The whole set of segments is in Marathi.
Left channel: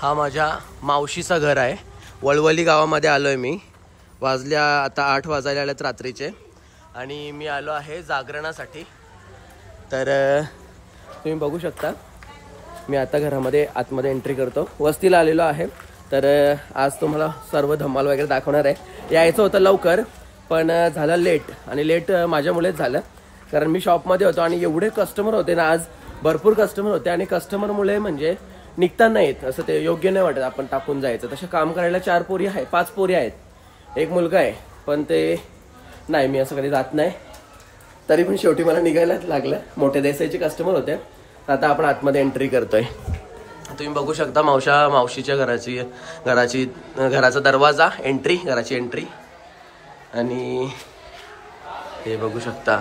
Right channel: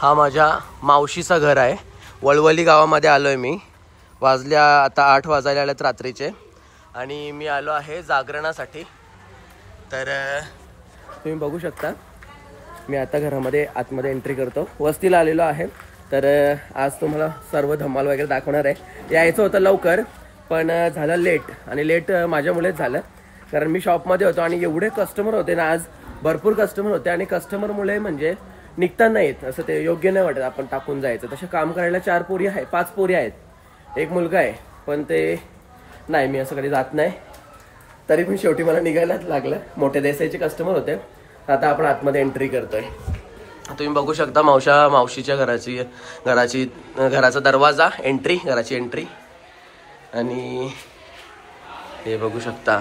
हा माझ्या मावशीचं घर आहे. वळवली गावामध्ये आलोय मी. वाजल्या आता 8 वाजायला आलेत रात्रीचे आणि मी आलो आहे जागरणासाठी. तर तुम्ही बघू शकता मी आता घरामध्ये आतमध्ये एंट्री करतो. वस्तीला आलेलो आहे. तर आज तुम्हाला सर्व धमाल वगैरे दाखवणार आहे. यायचं होतं लवकर पण झालं लेट आणि लेट माझ्यामुळेच झालं कारण मी शॉपमध्ये होतो आणि एवढे कस्टमर होते ना, आज भरपूर कस्टमर होते आणि कस्टमरमुळे म्हणजे निघता नाही येत. असं ते योग्य नाही वाटत आपण टाकून जायचं. तसं काम करायला 4 पोरी आहे, 5 पोरी आहेत, 1 मुलगा आहे, पण ते नाही मी असं कधी जात नाही. तरी पण शेवटी मला निघायलाच लागलं. मोठे देसाईचे कस्टमर होते. आता आपण आतमध्ये एंट्री करतोय. तुम्ही बघू शकता मावशीच्या घराचा दरवाजा एंट्री, घराची एंट्री. आणि हे बघू शकता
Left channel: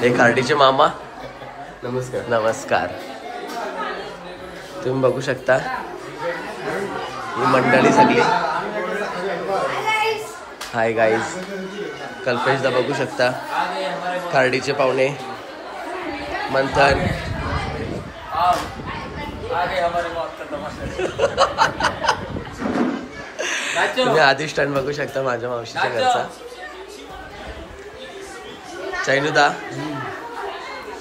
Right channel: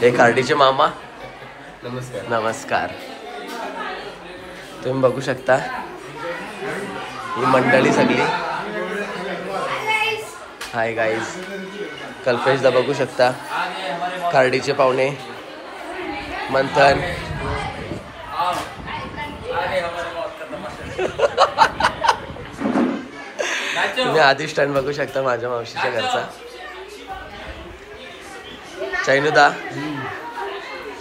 हे कार्डीचे मामा. नमस्कार. नमस्कार. तुम्ही बघू शकता ही मंडळी सगळी. Hi guys. कल्पेशदा बघू शकता. कार्डीचे पाहुणे मंथन. तुम्ही अधिष्ठान बघू शकता माझ्या मावशीच्या घरचा. चैनुदा.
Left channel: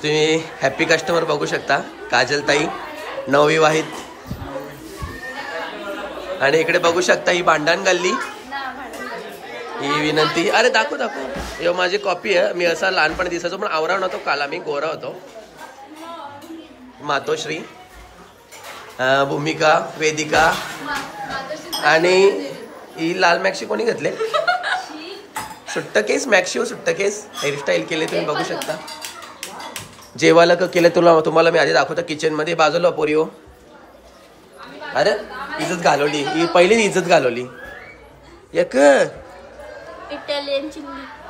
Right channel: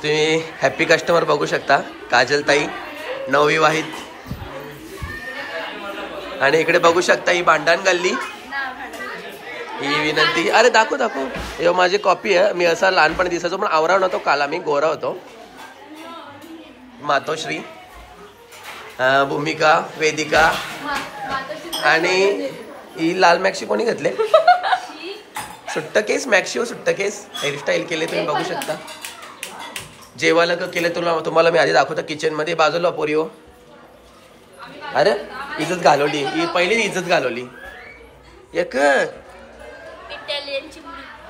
तुम्ही हॅपी कस्टमर बघू शकता. काजलताई नवविवाहित. आणि इकडे बघू शकता ही भांडण गल्ली. ही विनंती. अरे दाखव हे माझी कॉपी आहे. मी असा लहानपणी दिसायचो पण आवरा नव्हतो. काला मी गोरा होतो. मातोश्री, भूमिका, वेदिका आणि ही लाल मॅक्सी कोणी घेतले? सुट्ट केस मॅक्सी. सुट्ट केस हेअरस्टाईल केले तुम्ही बघू शकता. जेवायला का केलं तुम्हाला मी आधी दाखवतो किचन मध्ये. बाजूला पोरी हो. अरे इज्जत घालवली ही, पहिली इज्जत घालवली. एक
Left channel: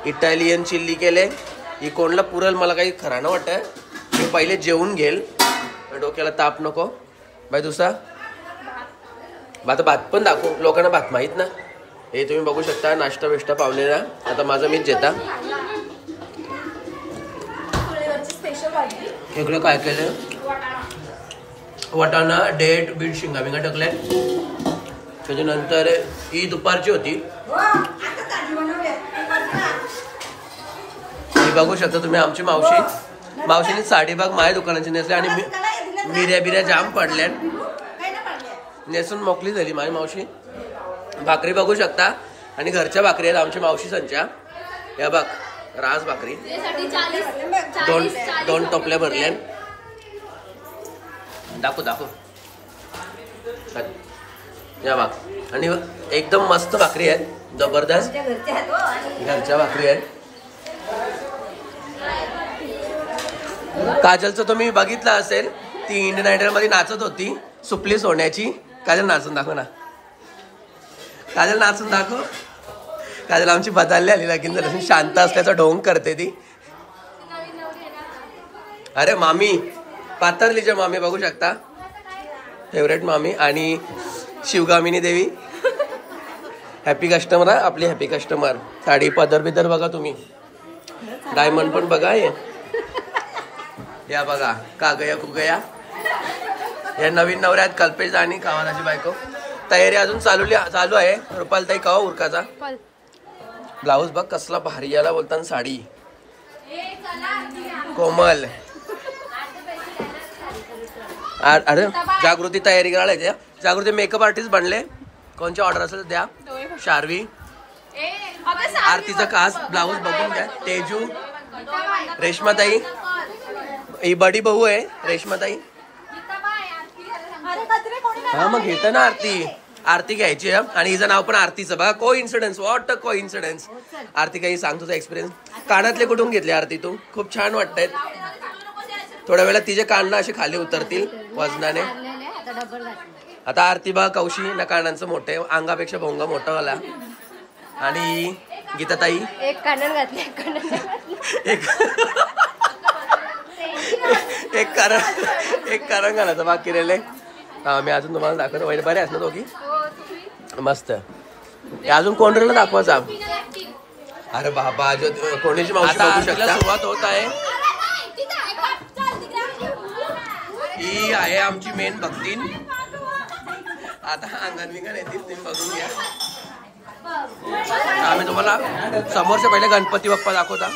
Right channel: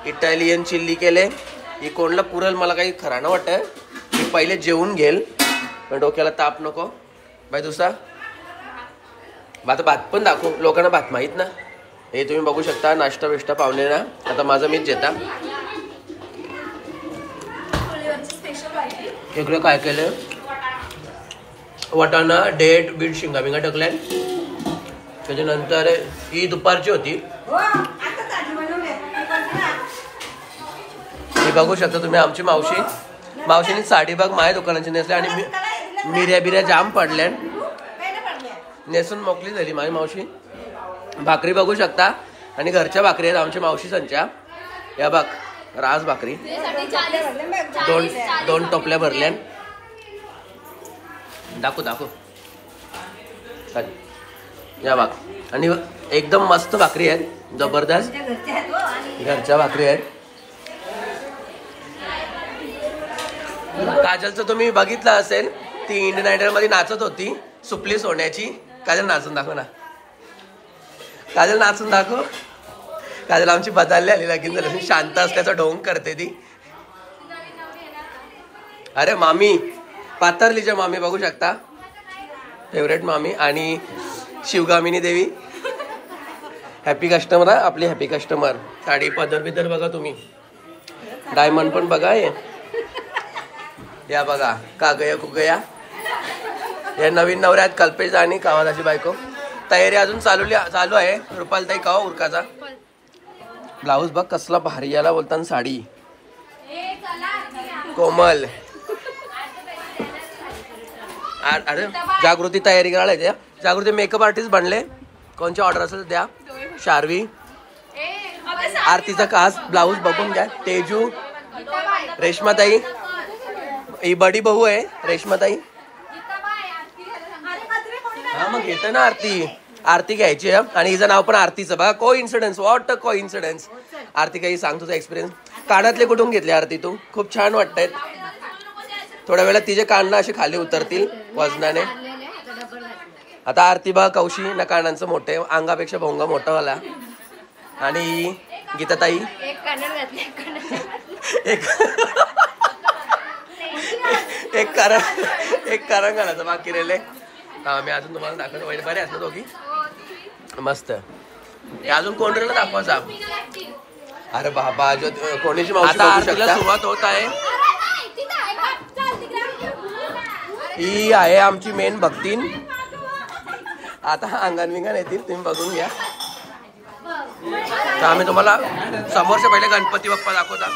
इटालियन चिल्ली केले. ही कोणला पुरल मला काही खरा ना वाटत. मी पहिले जेवून घेल, डोक्याला ताप नको. बाय दुसरा भात पण दाखवू लोकांना. भात माहित ना. हे तुम्ही बघू शकता नाश्ता बिष्टा पावले ना. आता माझं मीच जेता. इकडे काय केलं? वाटाणा, डेट, बीट, शिंगा बिंगा टाकल्या. त्याच्यानंतर ही दुपारची होती. हे बघू शकता तुम्ही आमची मावशीने साडीबाग माझ्या दुकानाची नेसल्या आणि मिऱ्या बिऱ्या जाम पडल्या. नेसून मोकली झाली माझी मावशी. भाकरी बघू शकता आणि घरच्या भाकरी आहेत आमच्या मावशी संच्या. या बघ राज भाकरी. दोन टोपल्या भरल्या. दाखव या बघ. आणि एकदम मस्त भाकरी आहेत. जबरदस्त घरच्या भाकरी आहेत. काजलचं तुम्ही बघितलं असेल. ती इंडियन आयडल मध्ये नाचत होती. सुपली सोन्याची. काजल नाचून दाखव ना. काजल नाचून दाखव. काजल आमची बदलली आली लगीन झालं. शांत असल्याचा ढोंग करते ती. अरे मामी पाथर्लीच्या मामी बघू शकता. फेवरेट मामी. आणि शिवगामिनी देवी हॅपी कस्टमर. आपली हॅपी कस्टमर. साडी पदर बिदर बघा तुम्ही. डायमंड पण बघा. या बघा कागया कुगया. या नवीन नवऱ्यात कल्पेश आणि कावालाची बायको. तयारी अजून चालू आहे. रुपालताई कावा उरकाचा. ब्लाऊज बघ कसला भारी. याला बोलताना साडी. कोमल. अरे जागृती तयारी करायला. जागृती मेकअप आर्टिस्ट बनले. कोणची ऑर्डर असेल द्या. शार्वी. आरतीचा खास ब्लाऊज बघून घ्या. तेजू. रेश्माताई. ही बडी बहू आहे रेश्माताई. हा मग घेत ना आरती घ्यायची. आणि हिचं नाव पण आरतीचं बघा. को इन्सिडन्स. व्हॉट को इन्सिडन्स. आरती काही सांग तुझा एक्सपिरियन्स. कानातले कुठून घेतले आरती तू? खूप छान वाटतायत. थोड्या वेळात तिचे कान असे खाली उतरतील वजनाने. आता आरती बघा कौशी ना कानांचं मोठे. अंगापेक्षा भोंगा मोठा वाला. आणि गीताताई एक कारण घालायचं बाकी राहिले. हा मी अजून तुम्हाला दाखवतो. बरे आहेत ना दोघी? मस्त. अजून कोणतरी दाखवायचा. अरे बाबा कोणीची मावशी बघू शकता. सुरुवात होत आहे. ही आहे आमची मेन भक्तीन. आता अंगण विंगण येतील, तुम्ही बघून घ्या. तर आम्ही तुम्हाला समोरच्या पहिले गणपती बाप्पा दाखवता.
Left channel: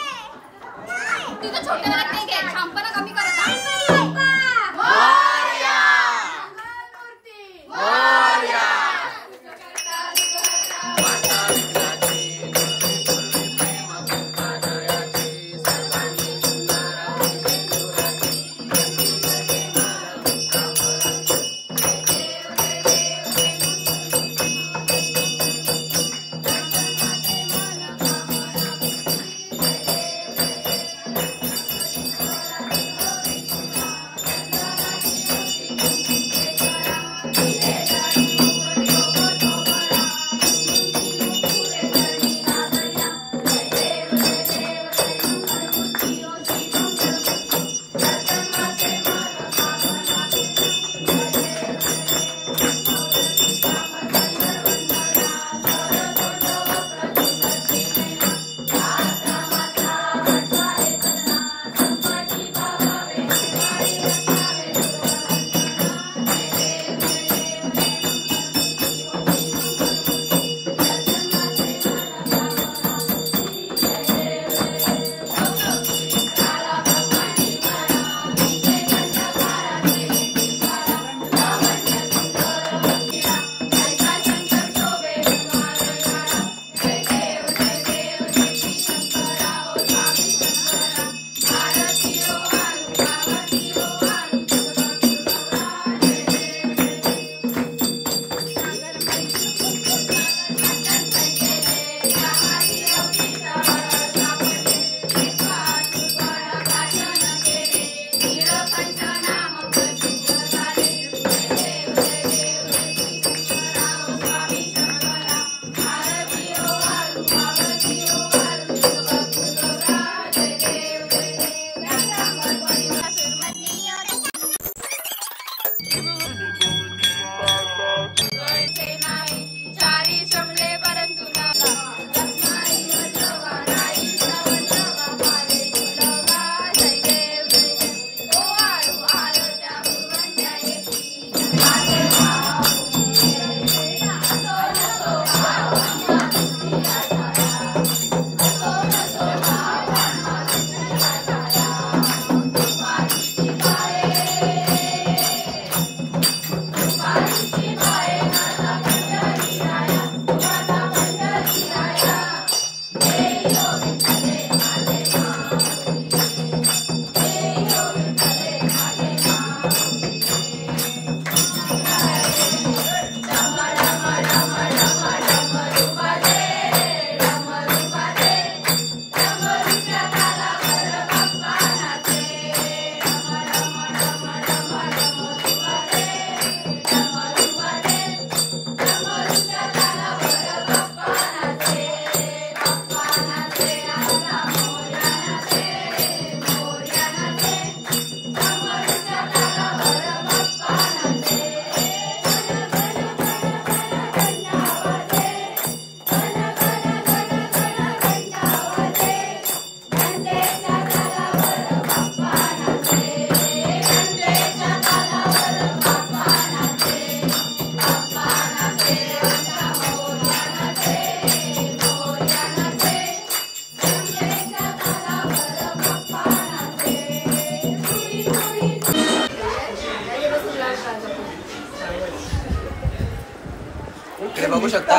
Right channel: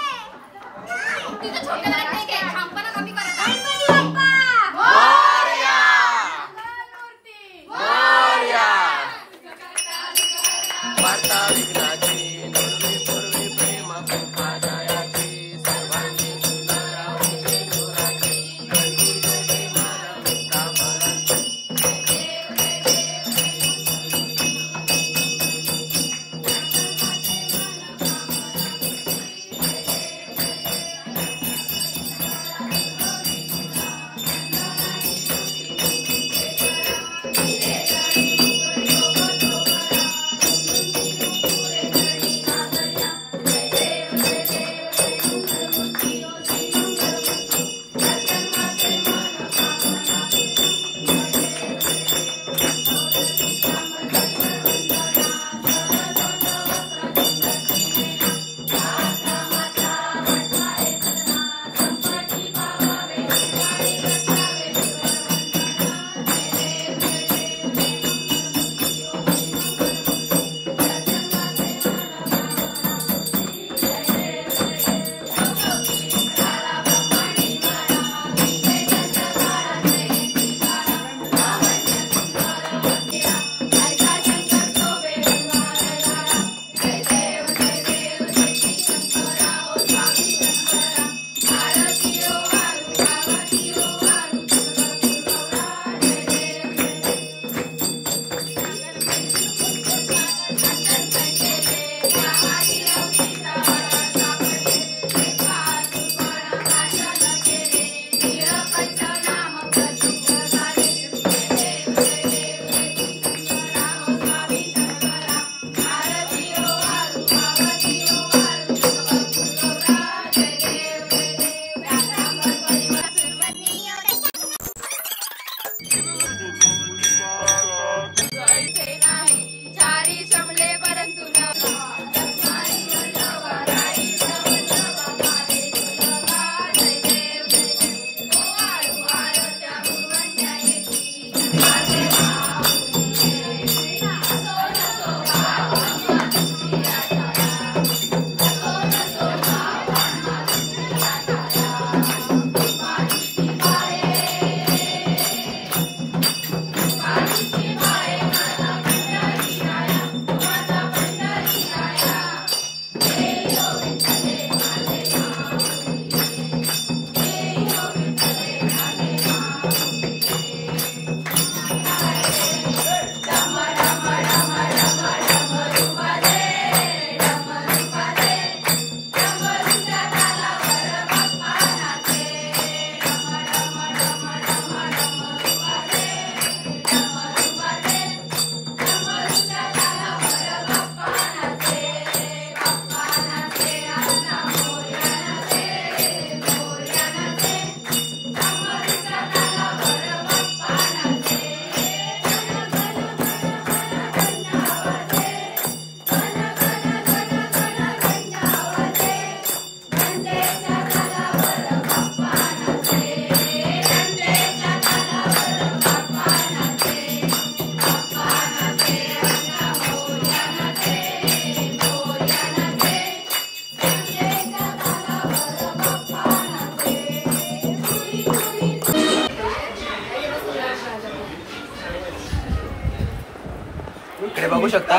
इकडे बघू शकता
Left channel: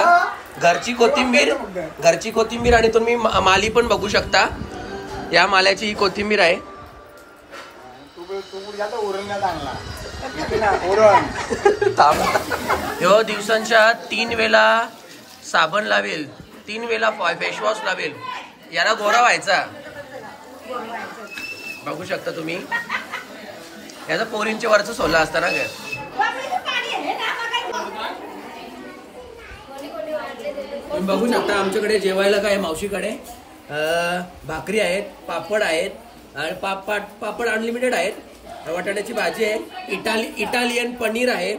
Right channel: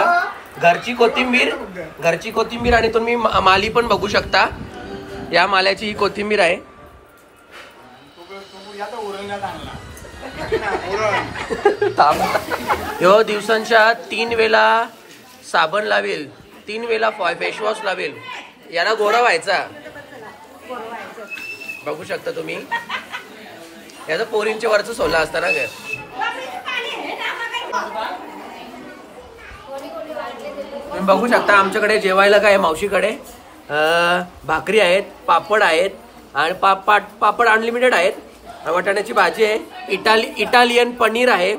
घरची कोथिंबीर आणि तुम्ही माली पण बघू शकता. या माल्याची ही कोथिंबीर आहे. ह्यो दिवसांच्या 3 वेळा साबण लावेल, 3 वेळा फेसवॉश लावेल. याला गोरा व्हायचा. बघू शकता तुम्ही. याचं पोरींच्या वरचं सोला असतं ना ग. तुम्ही बघू शकता आमच्याकडे जेवायला काय मावशीकडे भाकरी आहेत, पापड आहेत आणि पापड अनलिमिटेड आहेत. वाटाण्याची भाजी आहे, इटालियन पनीर आहे,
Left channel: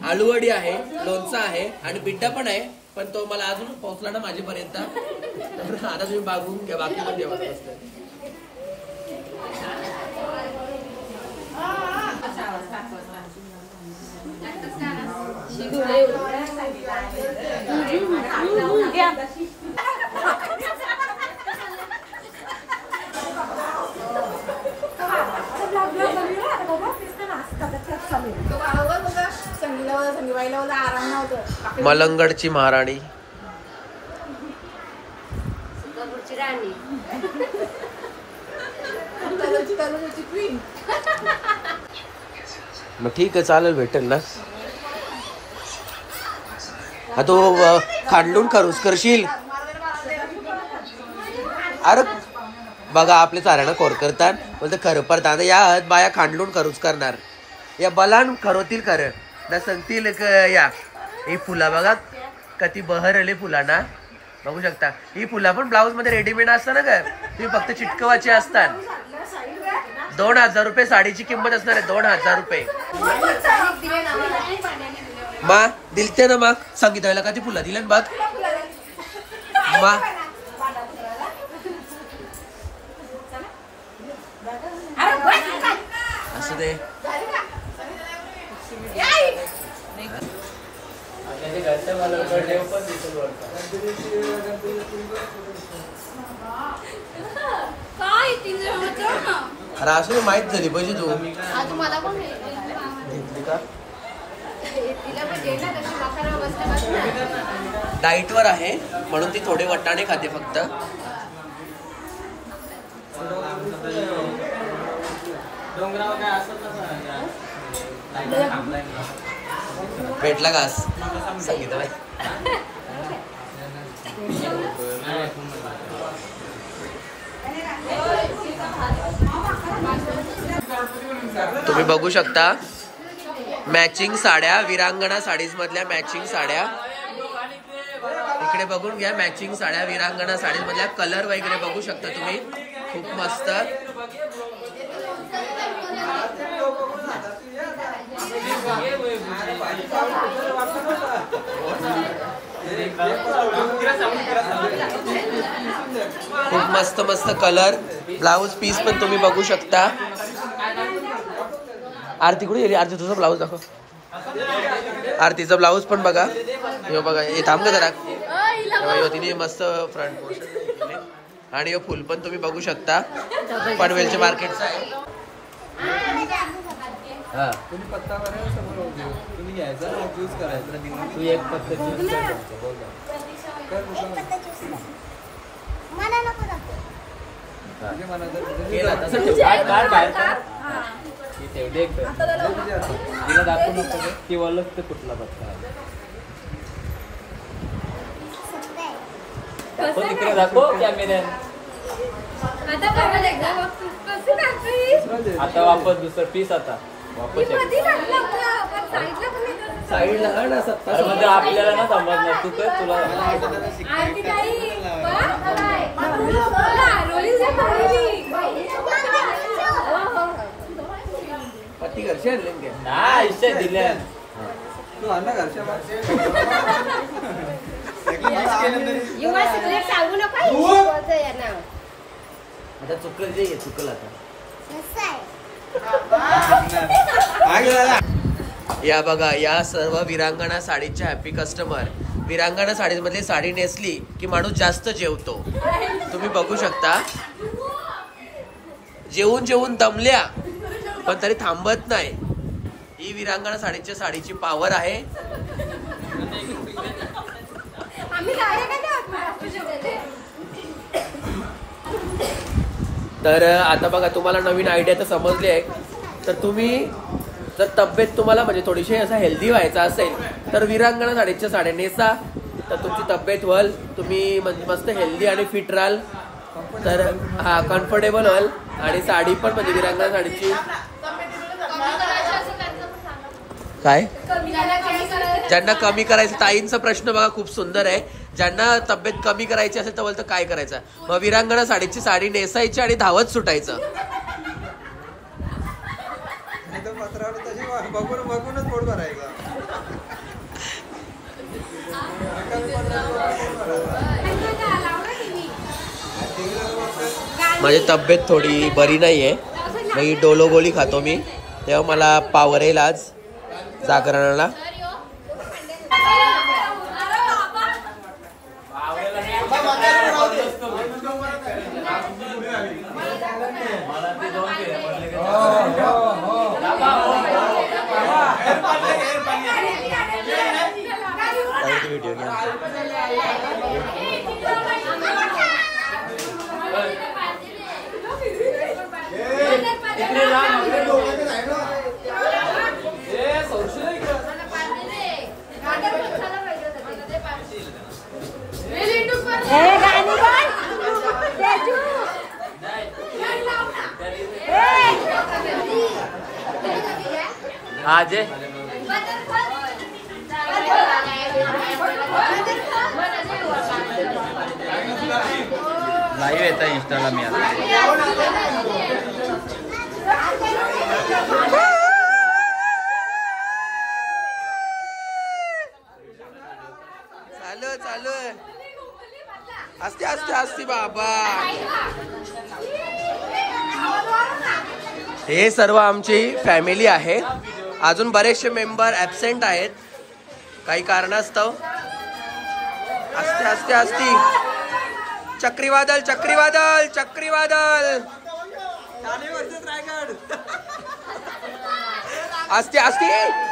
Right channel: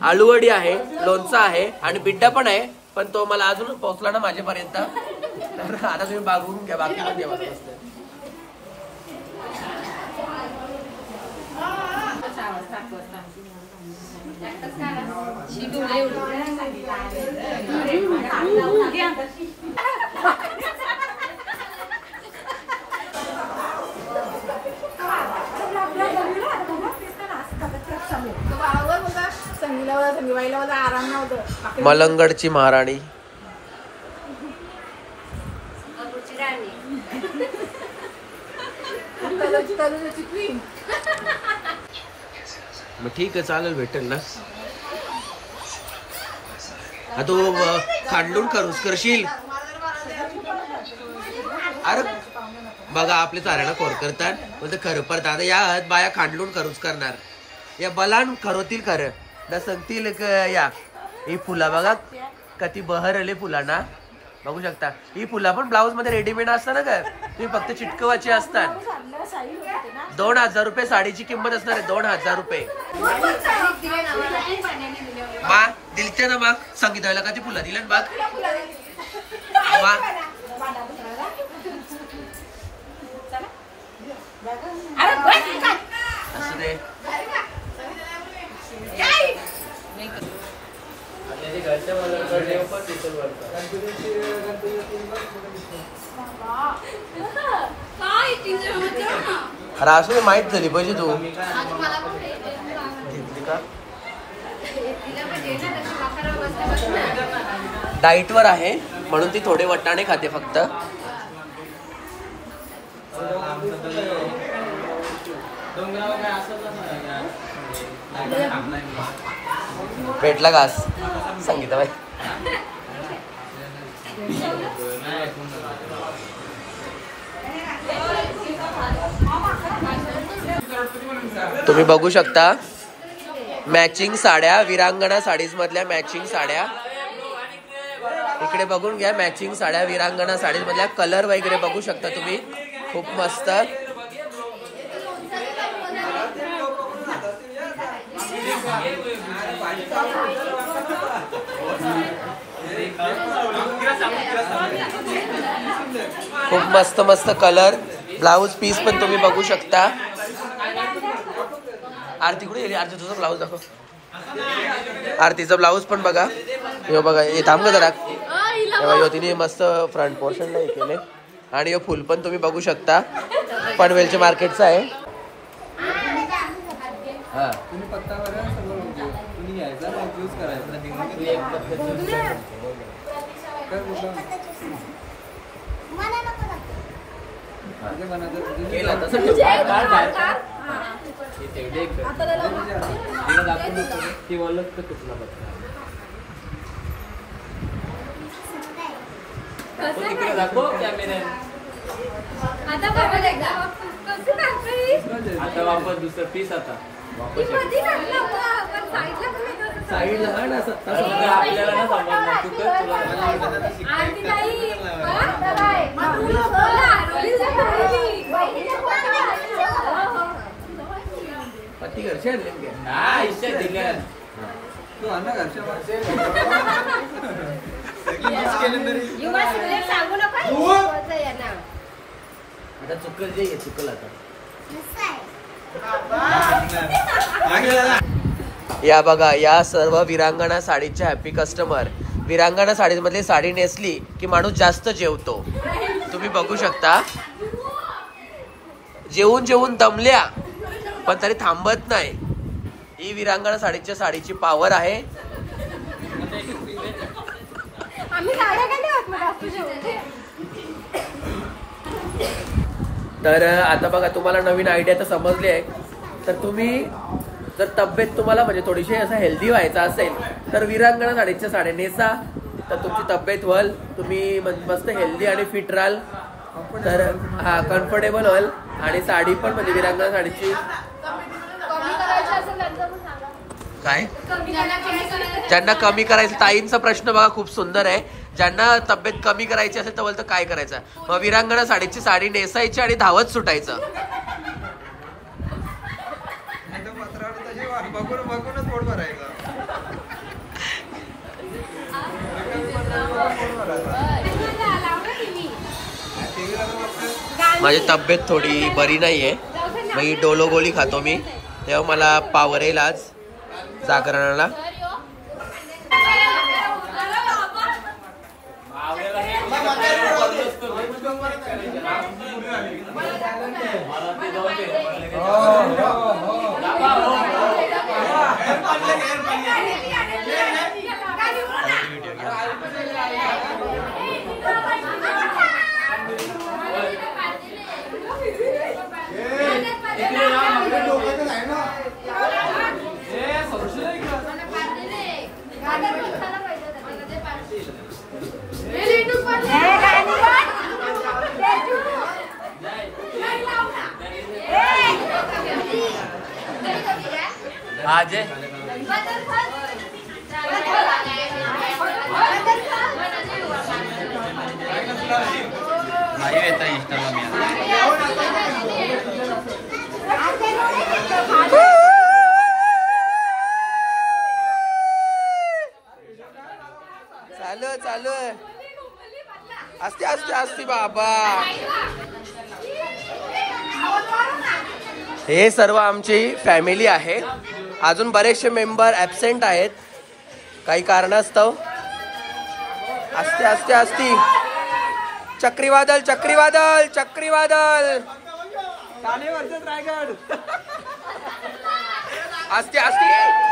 आलूवडी आहे, लोणचं आहे आणि बिड्डा पण आहे. पण तो मला अजून पोहोचला ना माझ्यापर्यंत. आता तुम्ही बघून घ्या बाकी पण जेवण असतं. मलंगडची महाराणी. मग ठीक आहे, चालेल, भेटेल ना. हा तो खांडलून खरूच करशील. अरे बघा आपले चाऱ्यानं खोर करतात, बोलते खरं पडतात. या बाया खांडलून खरूच करणार, या बलान खरोतील खरं ना सांगतील. या ही फुला बघा कती बहरले फुलांना, बघू शकता. ही फुला पण ब्लाऊज मध्ये रेडीमेड असतात ना का, तुम्ही फक्त चिटकवाची असतात. 2000 रुपये साडीची किंमत असणार आहे. 2000 रुपये. मा दिलते ना, मग सांगितलं का ती फुला दिल्या ना बघ मा. असं दे. अरे असं माहित झाली पाहिजे. तू घेतली का? डाईट वर आहे म्हणून ती थोडे वटाणे खाते फक्त. भेटला घास सांगितलं बाई. तुम्ही बघू शकता मॅचिंग साड्या, विरांगणा साडीज मधल्या मॅचिंग साड्या. इकडे बघून घ्या, मॅचिंग साड्या विरांगणा साडीज मधल्या. कलर वगैरे बघू शकता तुम्ही, खूप मस्त. खूप मस्त मस्त कलर. ब्लाऊज पीस पण तुम्ही बघू शकता. आरती कुठे गेली? आरती तुझा ब्लाऊज दाखव. आरतीचा ब्लाऊज पण बघा. हे बघा, हे थांब जरा. तिने मस्त फ्रंट पोर्शन नाही केले. आणि हे फुल पण तुम्ही बघू शकता, पनवेलच्या मार्केटचं आहे. हा तुम्ही पत्तावर तुम्ही यायचा यूज करायचा. तिला दाखवू नको ती वळत तर कुठला पत्ता तिकडे दाखव कॅमेऱ्याने. आता वापर दुसरं पीस. आता साईडला हा ना 70 मध्ये आपल्याला ना समजणार. तू तर तुला पती घरचे आणले नाही दिल्या. तू आण ना घरच्या. आता चुकल जे चुकल. आता या बघा, या सर्व विरांगणा साडीच्या हॅपी कस्टमर. विरांगणा साडी मधली साडी नेसली की माणूस जास्त जेवतो. तुम्ही बघू शकता, जेवून जेवून दमल्या पण तरी थांबत नाही. ही विरांगणा साडीच्या साडीची पावर आहे. तर आता बघा, तुम्हाला नवीन आयडिया तर समजली आहे. तर तुम्ही जर तब्येत तुम्हाला म्हणजे थोडीशी असं हेल्दी व्हायचं असेल तर विरांगणा साडीच्या साड्या नेसा, तर तुमची तब्येत व्हाल, तुम्ही मस्त हेल्दी आणि फिट राहाल. तर हा कम्फर्टेबल व्हाल. आणि साडी पण म्हणजे विरांगणा साडीची काय, ज्यांना कमी करायचं, ताईंचा प्रश्न बघा खूप सुंदर आहे. ज्यांना तब्येत कमी करायची असेल तर बोलतं काय करायचं, मग विरांगणा साडीची साडी नेसायची आणि धावत सुटायचं. माझी तब्येत थोडी बरी नाहीये, मग डोलो गोळी खातो मी, तेव्हा मला पावर येईल आज जागरणाला. आज लाईव्ह येता इंस्टाला मी चालू चालू असते असते असते बाबा. हे सर्व आमची फॅमिली आहे. अजून बरेचसे मेंबर ऍबसेंट आहेत काही कारणास्तव. असते असते असती चक्रीवादळ चक्रीवादळ चक्रीवादळ असते असते.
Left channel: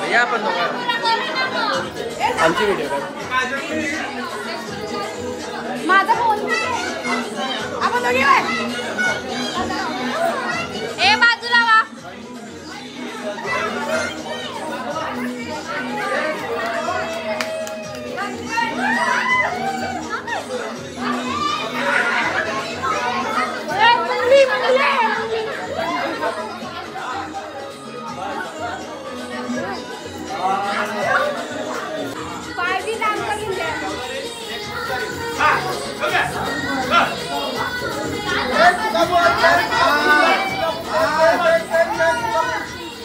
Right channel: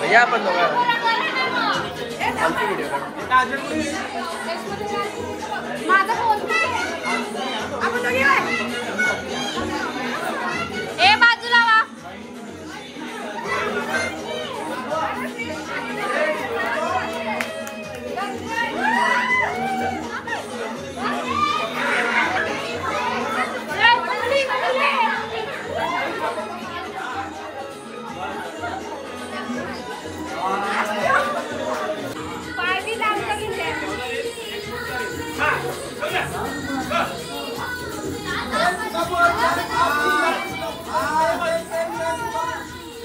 भैया आपण दोघं आमची व्हिडिओ ए बाजूला वा.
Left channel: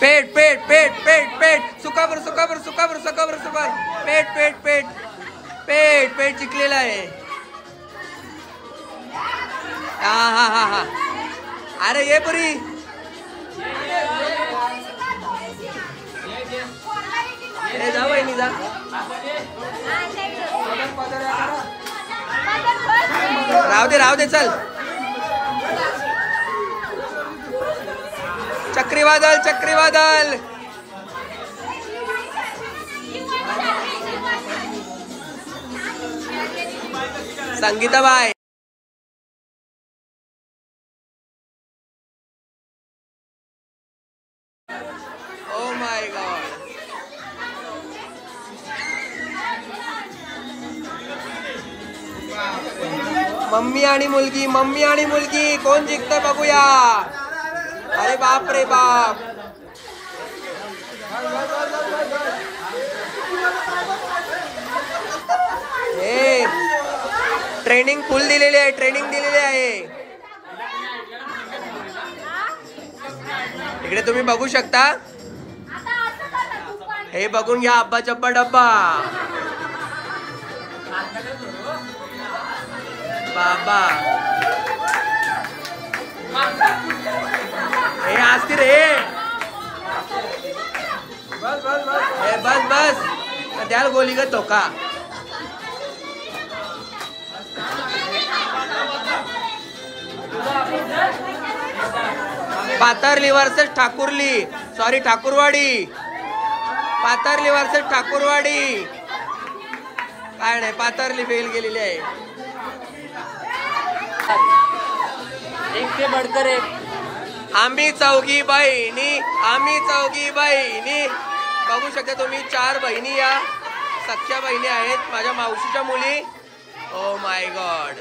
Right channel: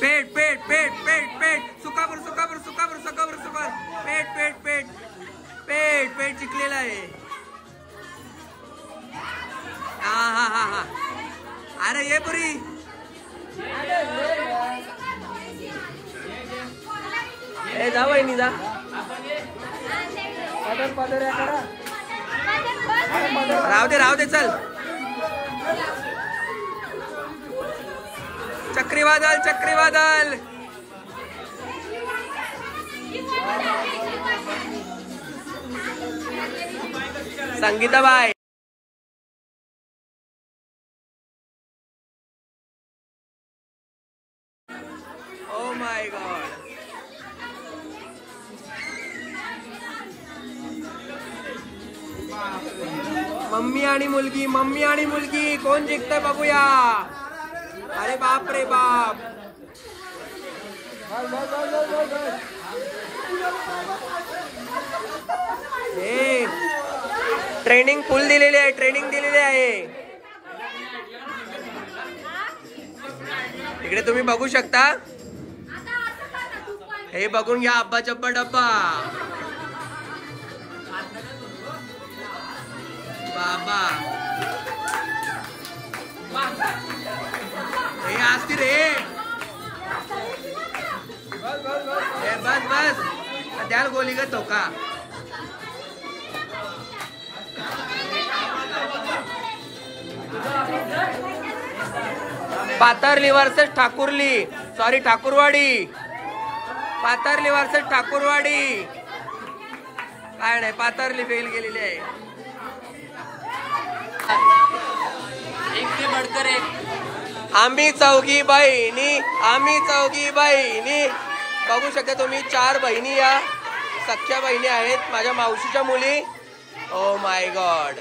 पेट पेट पेट पेट पेट सुकाबर सुकाबर सुकाबर सुकाबर सुकाबर पेट पेट पेट पेट पेट चिकलेला आहे. हा हा हा हा. अरे ये पुरी. ए जा वहिनी जा. राहू दे चल. चक्रीवादळ चक्रीवादळ. Sangeetabai oh my God. Mummy आणि मुलगी कोण जिंकतंय बघूया. अरे बाप रे बाप. हे ट्रेनिंग फुल दिलेली आहे. इकडे तुम्ही बघू शकता. हे बघून घ्या अब्बा चप्पा डब्बा. बाबा हे असती रे. बस द्याल गोली का धोका. पाथर्ली versus Thakurli. Sorry Thakurwadi. पाथर्ली versus Thakurwadi. काय नाही पाथर्ली फेल गेलेली आहे. आम्ही चौघी बहिणी बघू शकता तुम्ही. 4 बहिणी या सख्या बहिणी आहेत माझ्या मावशीच्या मुली. Oh my God.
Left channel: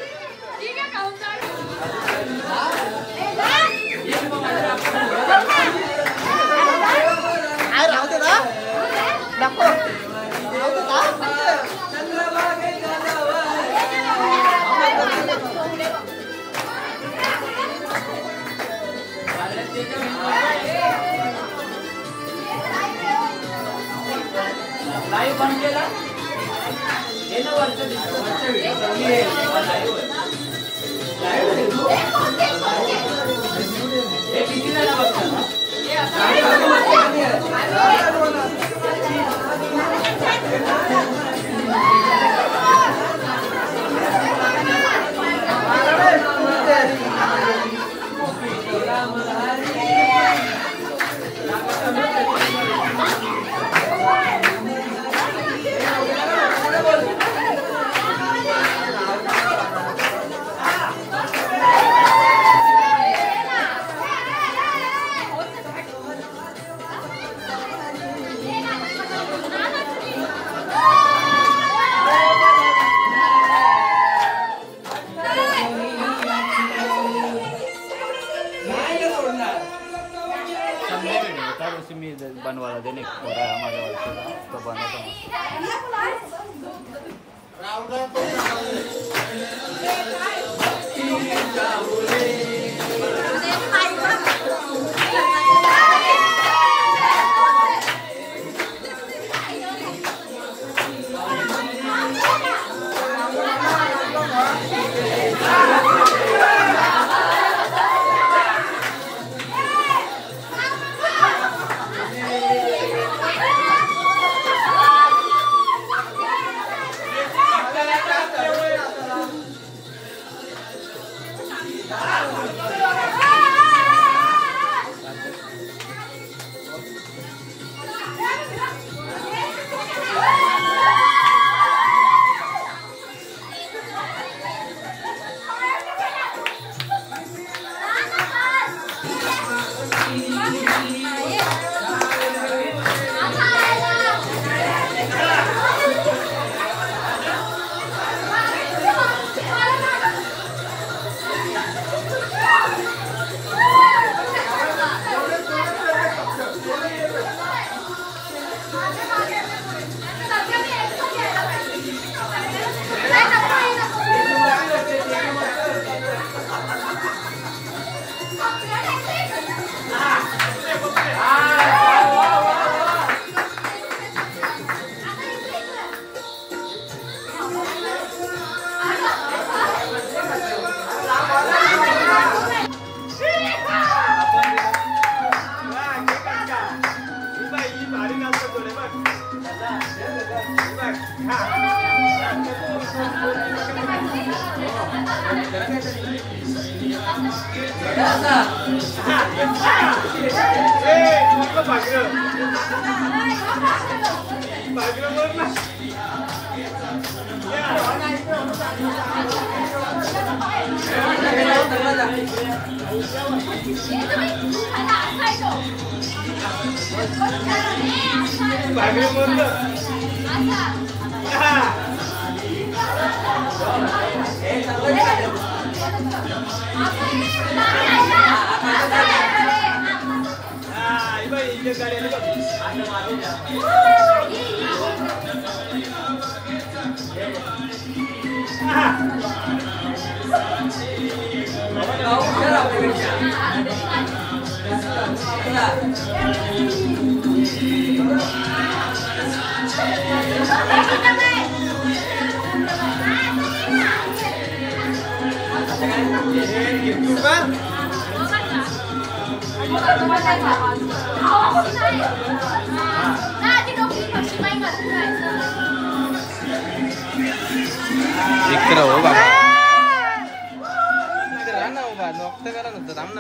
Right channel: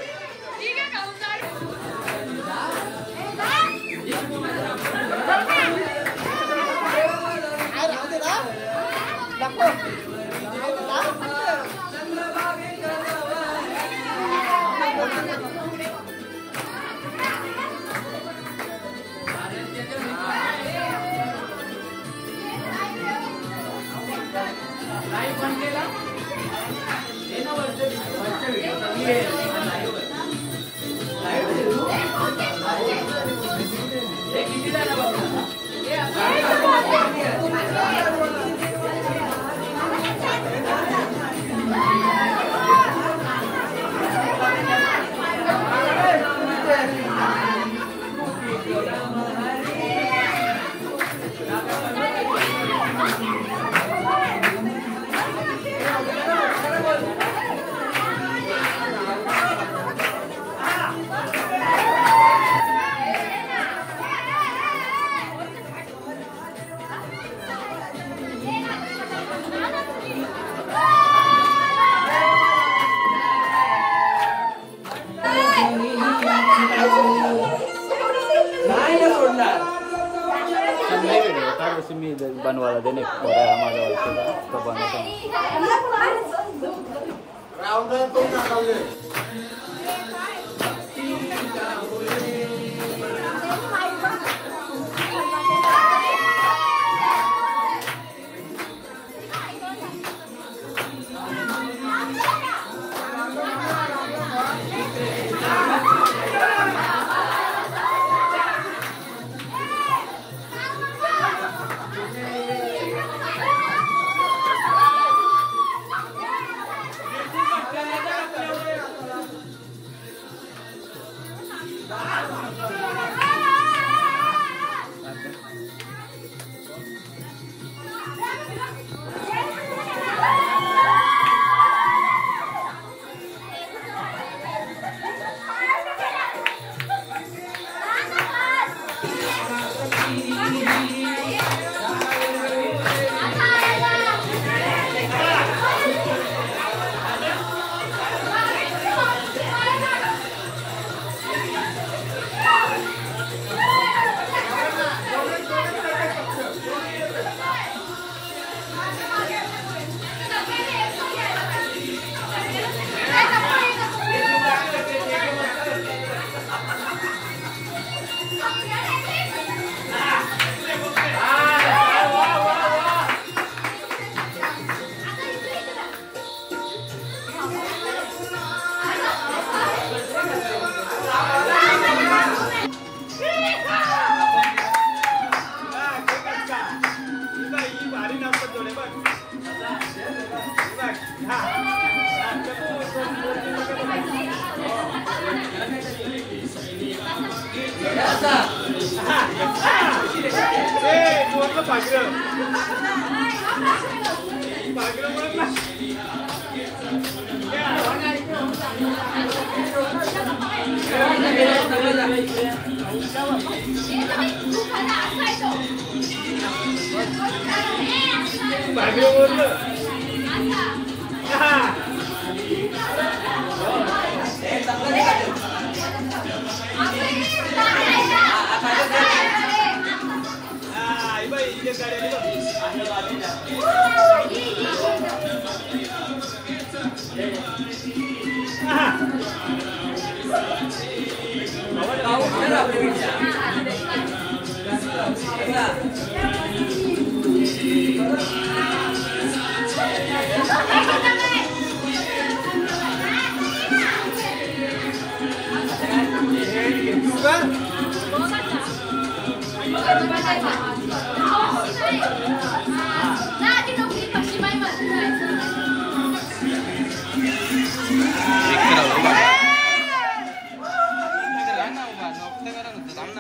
बनवायला देणे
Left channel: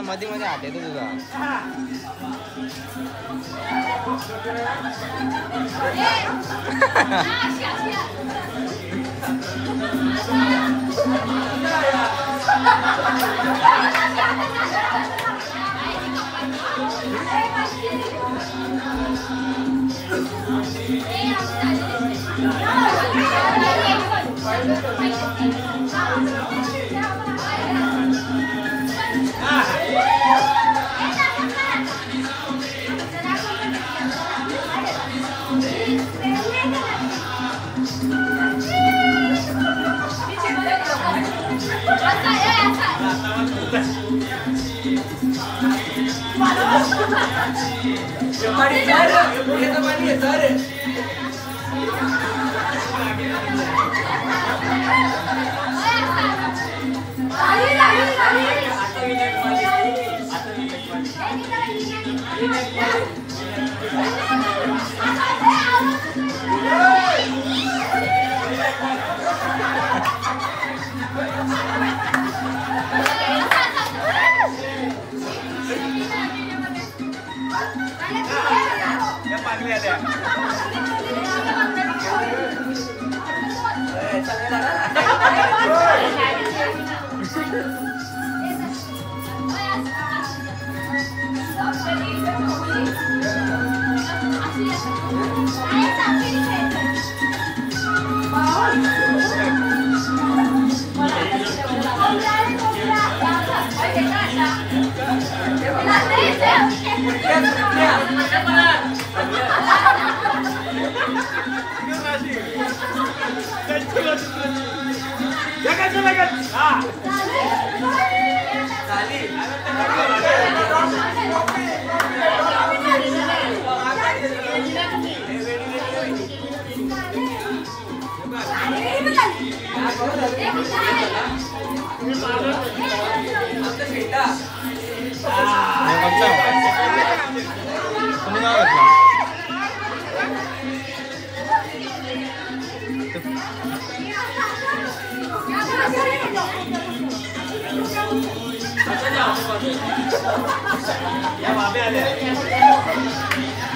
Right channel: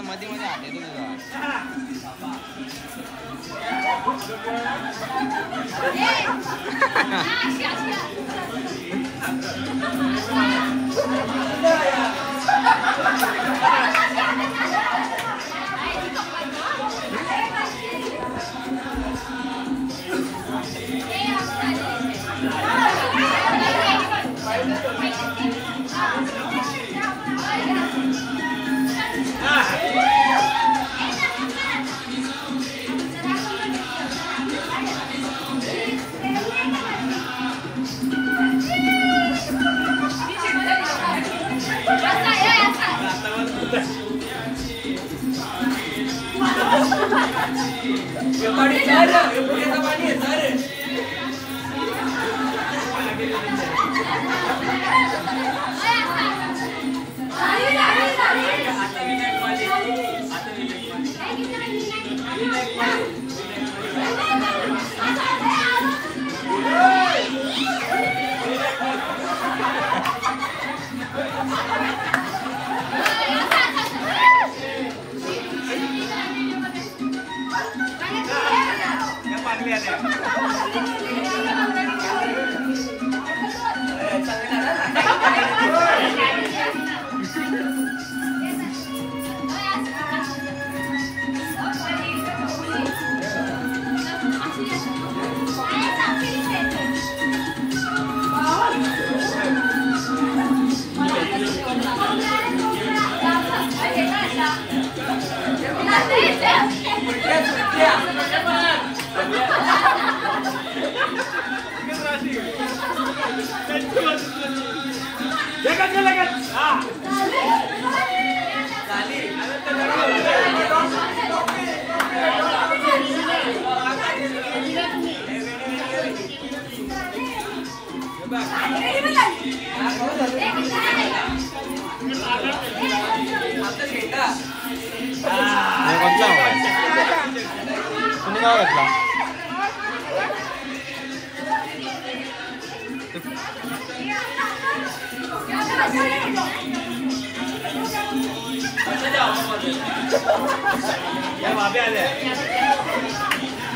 मध्ये मध्ये आले तुझा Yeah. तुम्ही काय घेतला? या माबे आल्या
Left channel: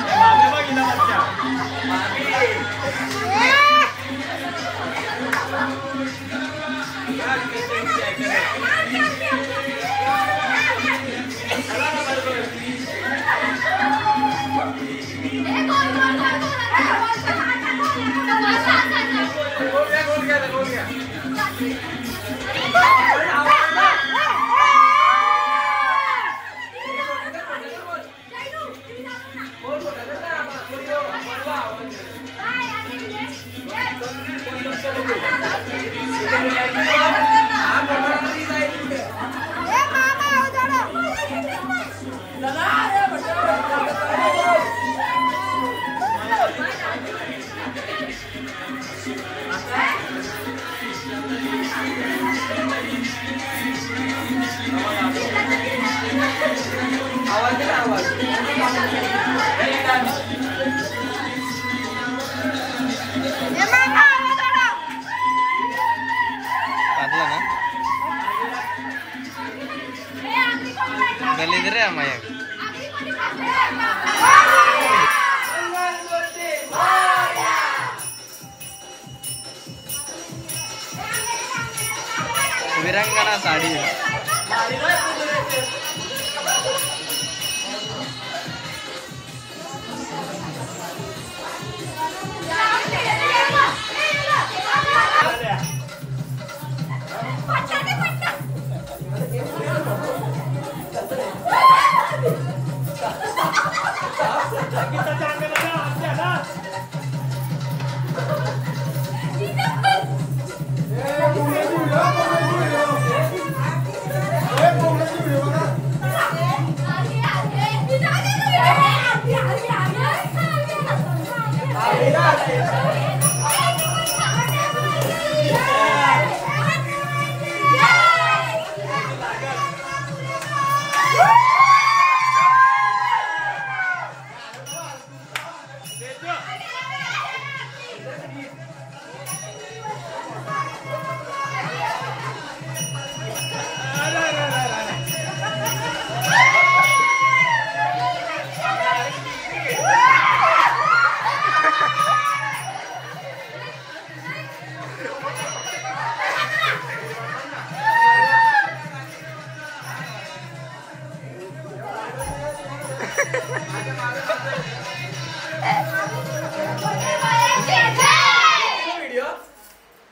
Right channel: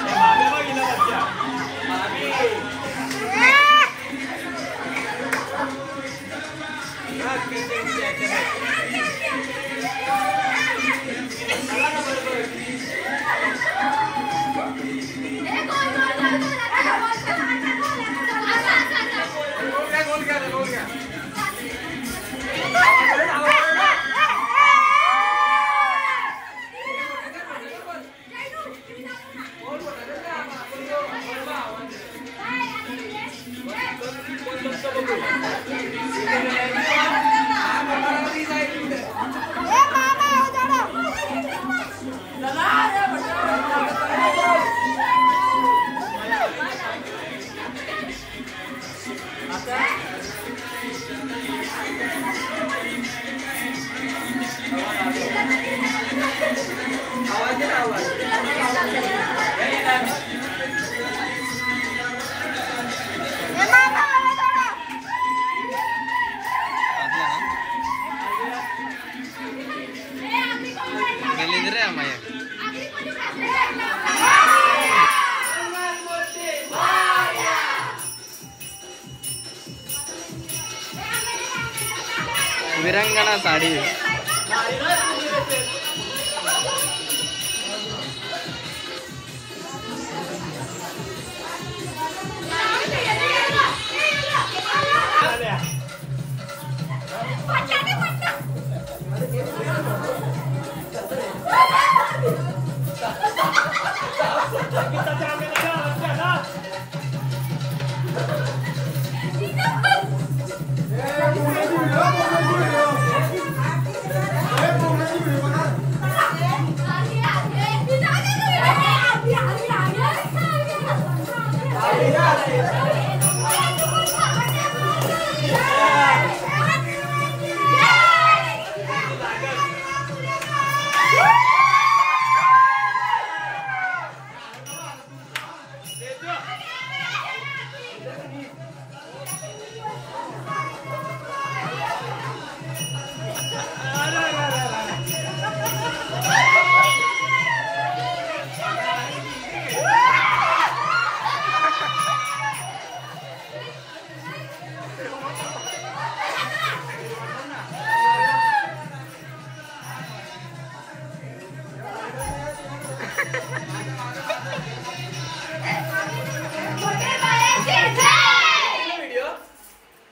या माबे बघितला बच्चा विरंगना साडी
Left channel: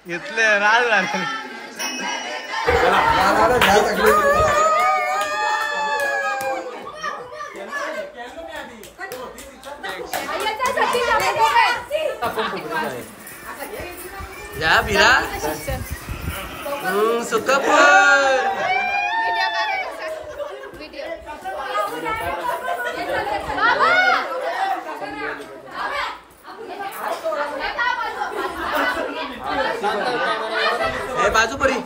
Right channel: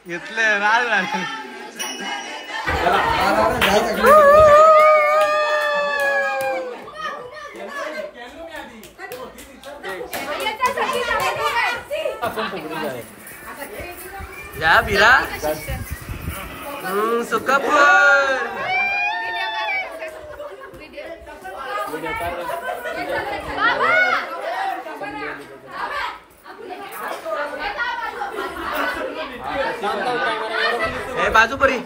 घेतले राज झाले. या बिरा सुकापूर हे बाजूपरी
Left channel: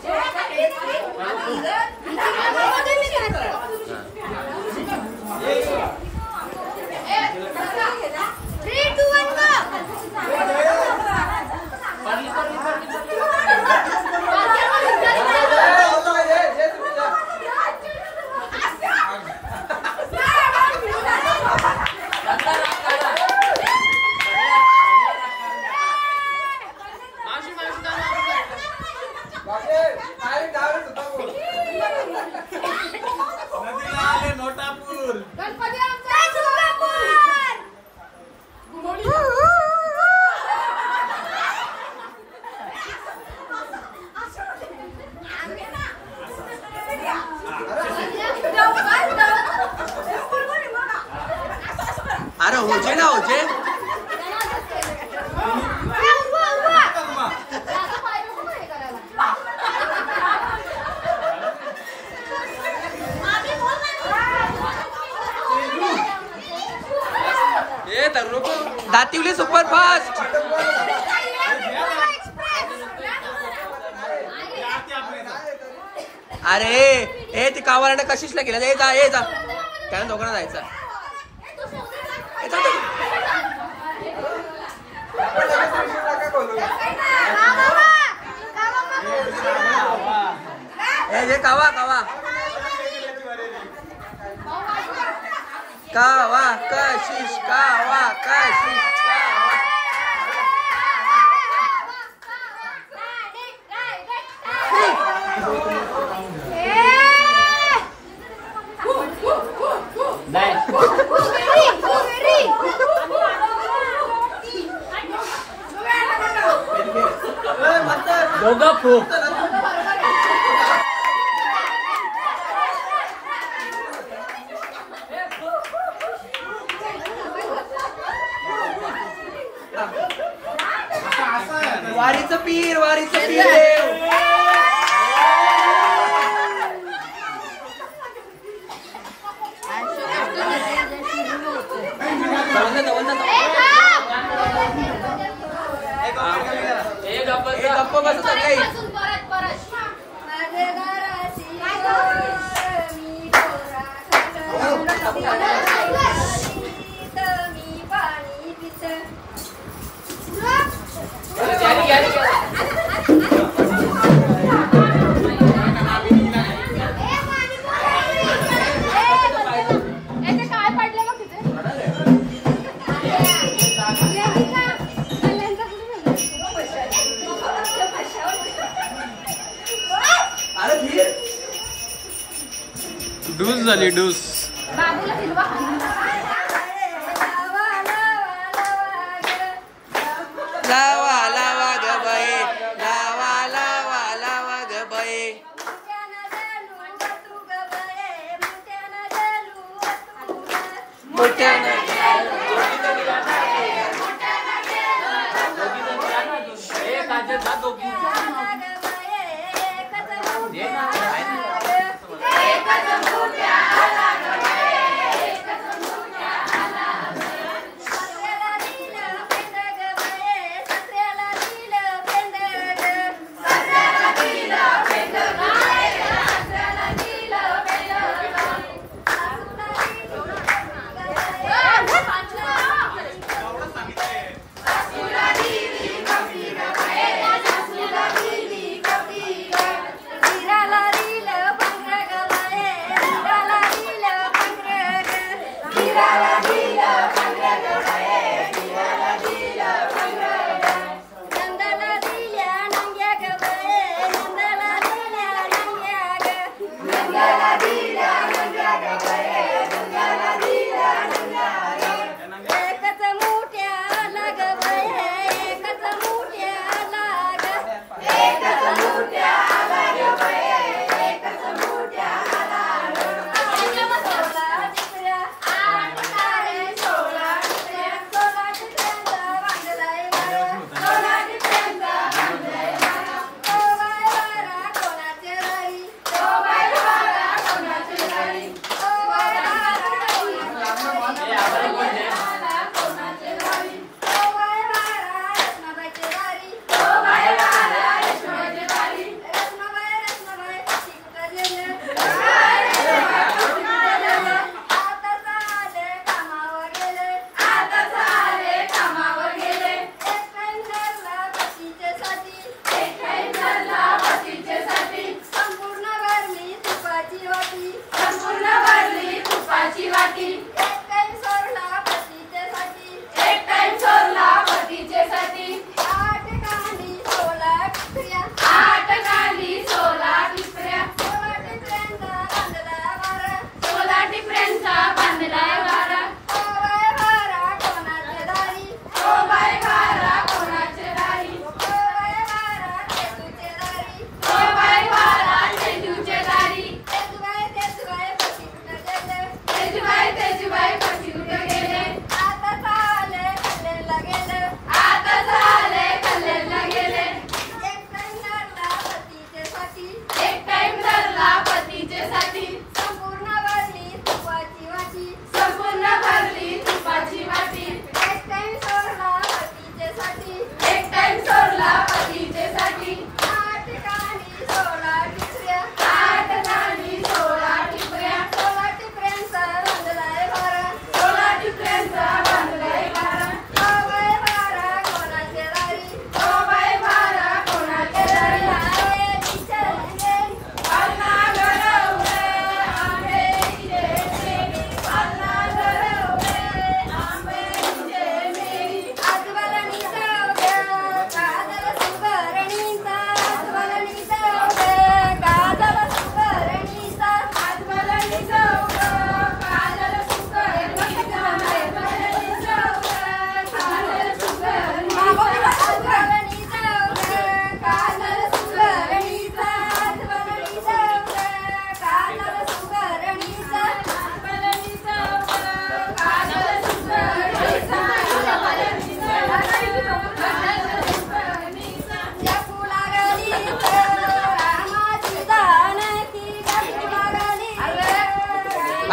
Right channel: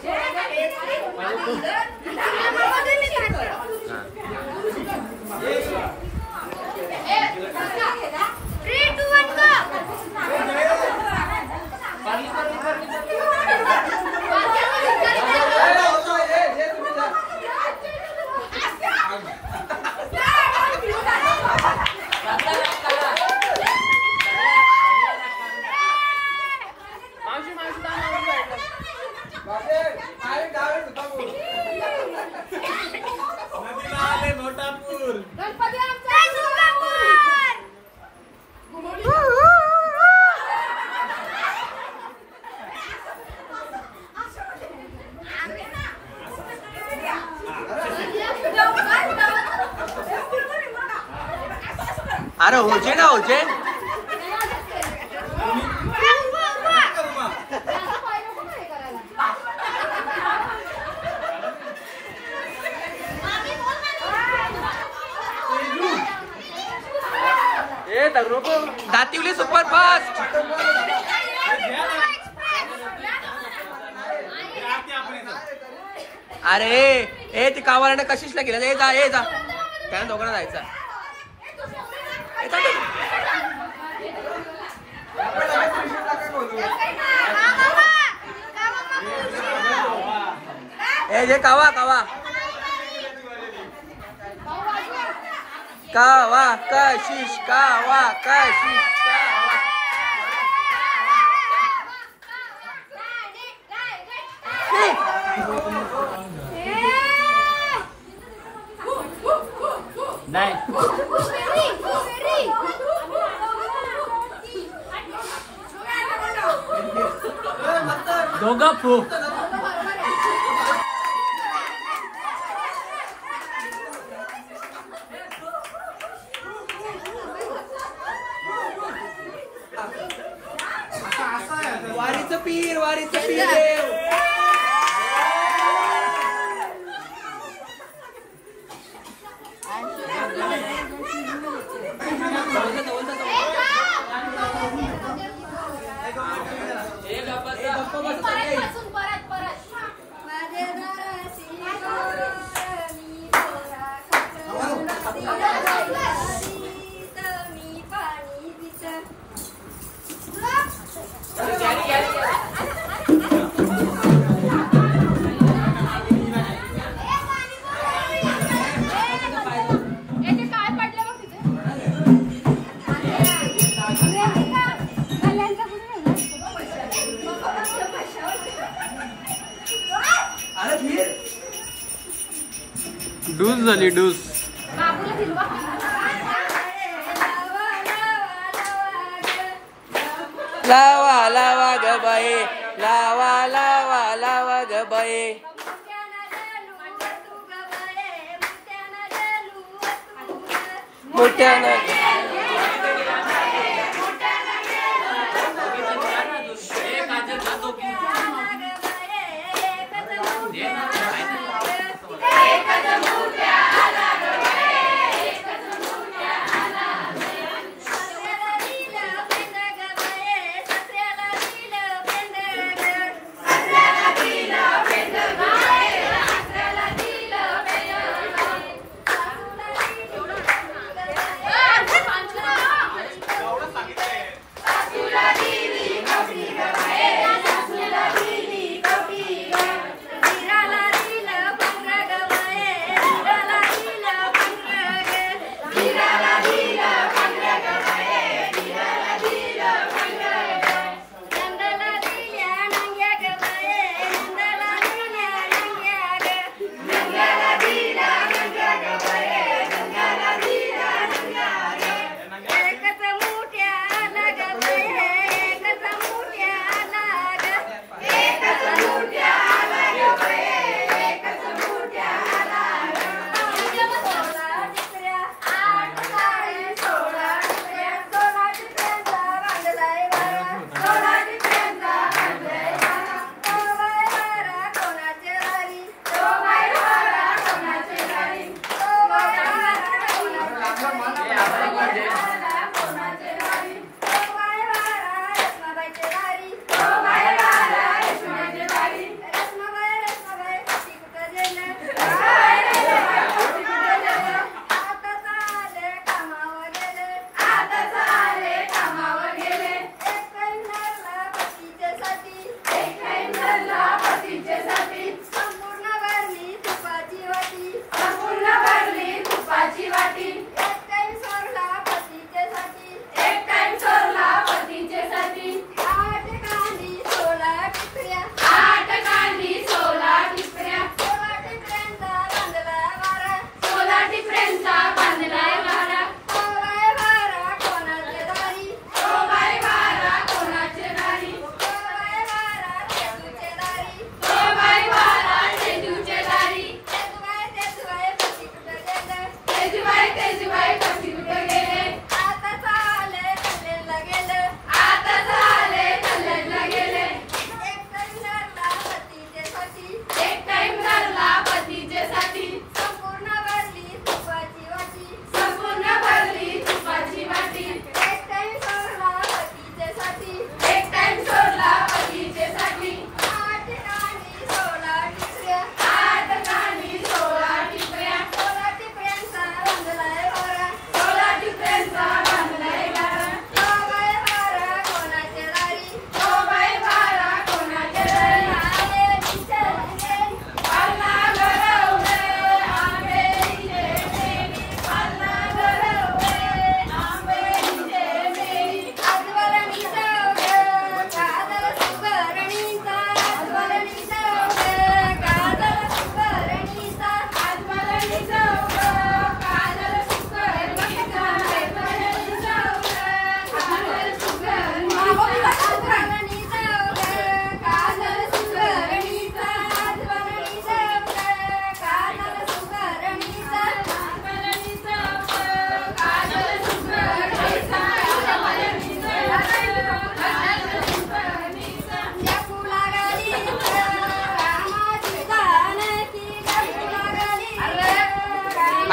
अरे होजे ना होजे दातिवली सुपर फास्ट. अरे ए ती कावाला कशीच गेला ए जा ए जा त्यानं दोघांना जायचं. ए जे कावा कावा कावा कशिश कावा कशिश कावा. दोघा खूप वारीचं पीर वारीचं पीर. डूस झाली डूस. लावा लावा ग बाई लावा लावा लावा ग बाई. मोठ्यानं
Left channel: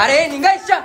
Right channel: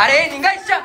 अरे निघायच्या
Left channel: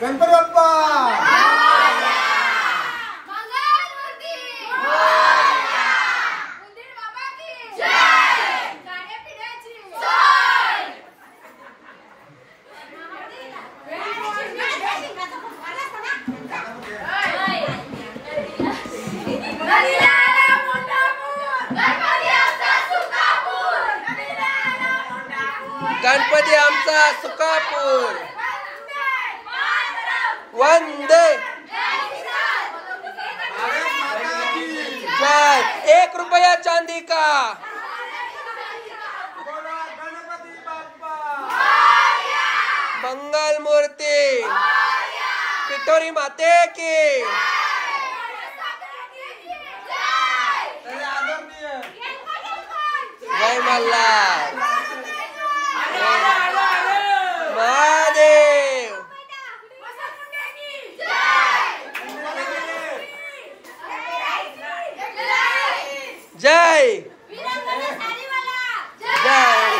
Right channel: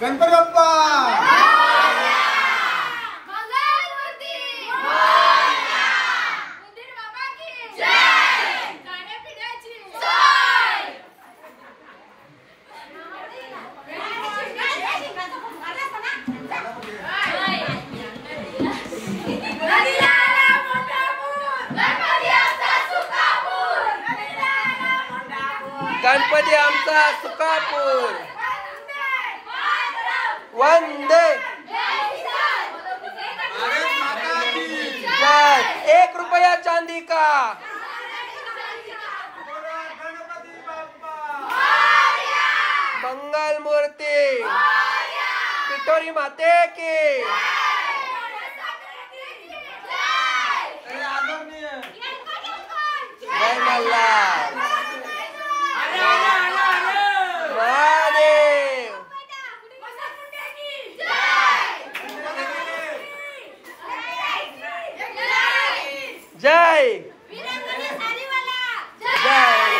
गणपती बाप्पा गणपती आमचा सुकापूर वंदे जय 1 रुपया चांदी का मंगल मूर्ति पिठोरी माते की जय मल्हार महादेव जय जय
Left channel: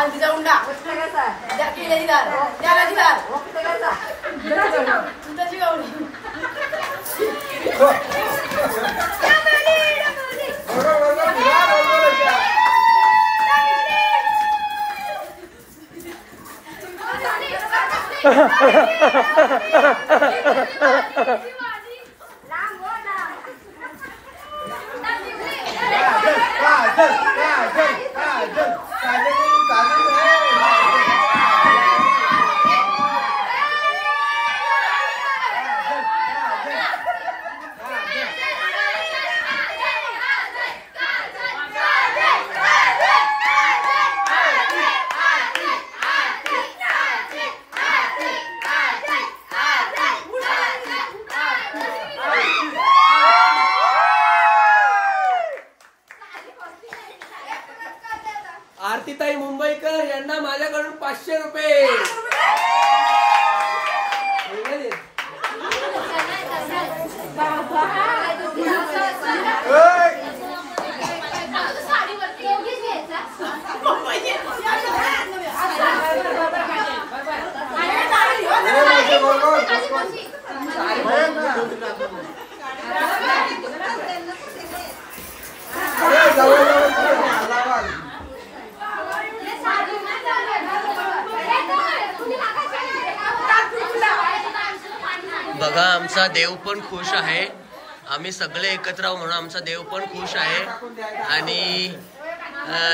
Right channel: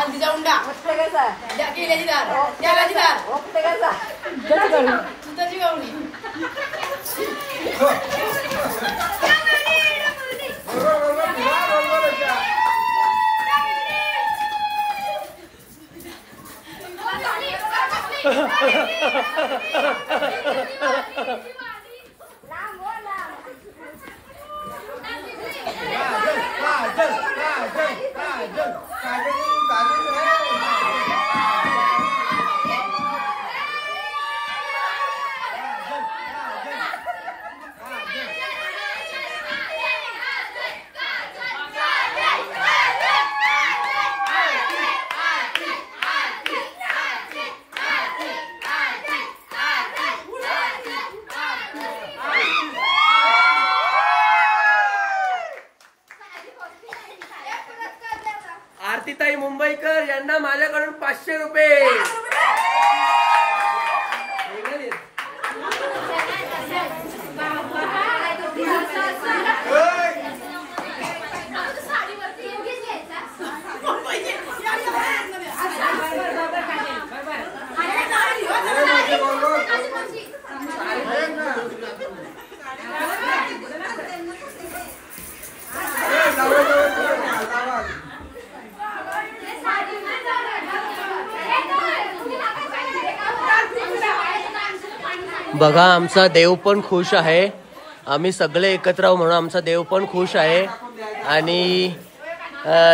आलतीचा उंडा केल्याची दार त्यालाची दार दुधाची गावडी आरतीताई मुंबईकर यांना माझ्याकडून 500 रुपये. बघा आमचा देव पण खुश आहे. आम्ही सगळे एकत्र आहोत म्हणून आमचा देव पण खुश आहे. आणि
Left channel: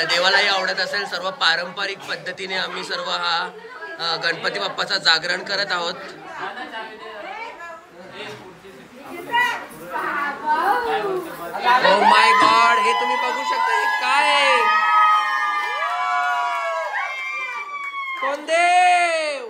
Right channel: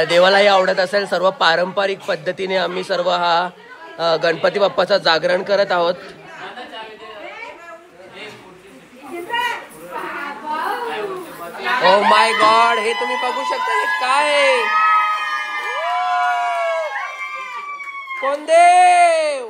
देवालाही आवडत असेल. सर्व पारंपरिक पद्धतीने आम्ही सर्व हा गणपती बाप्पाचा जागरण करत आहोत. ओ माय गॉड, हे तुम्ही बघू शकता. हे काय कोण देव?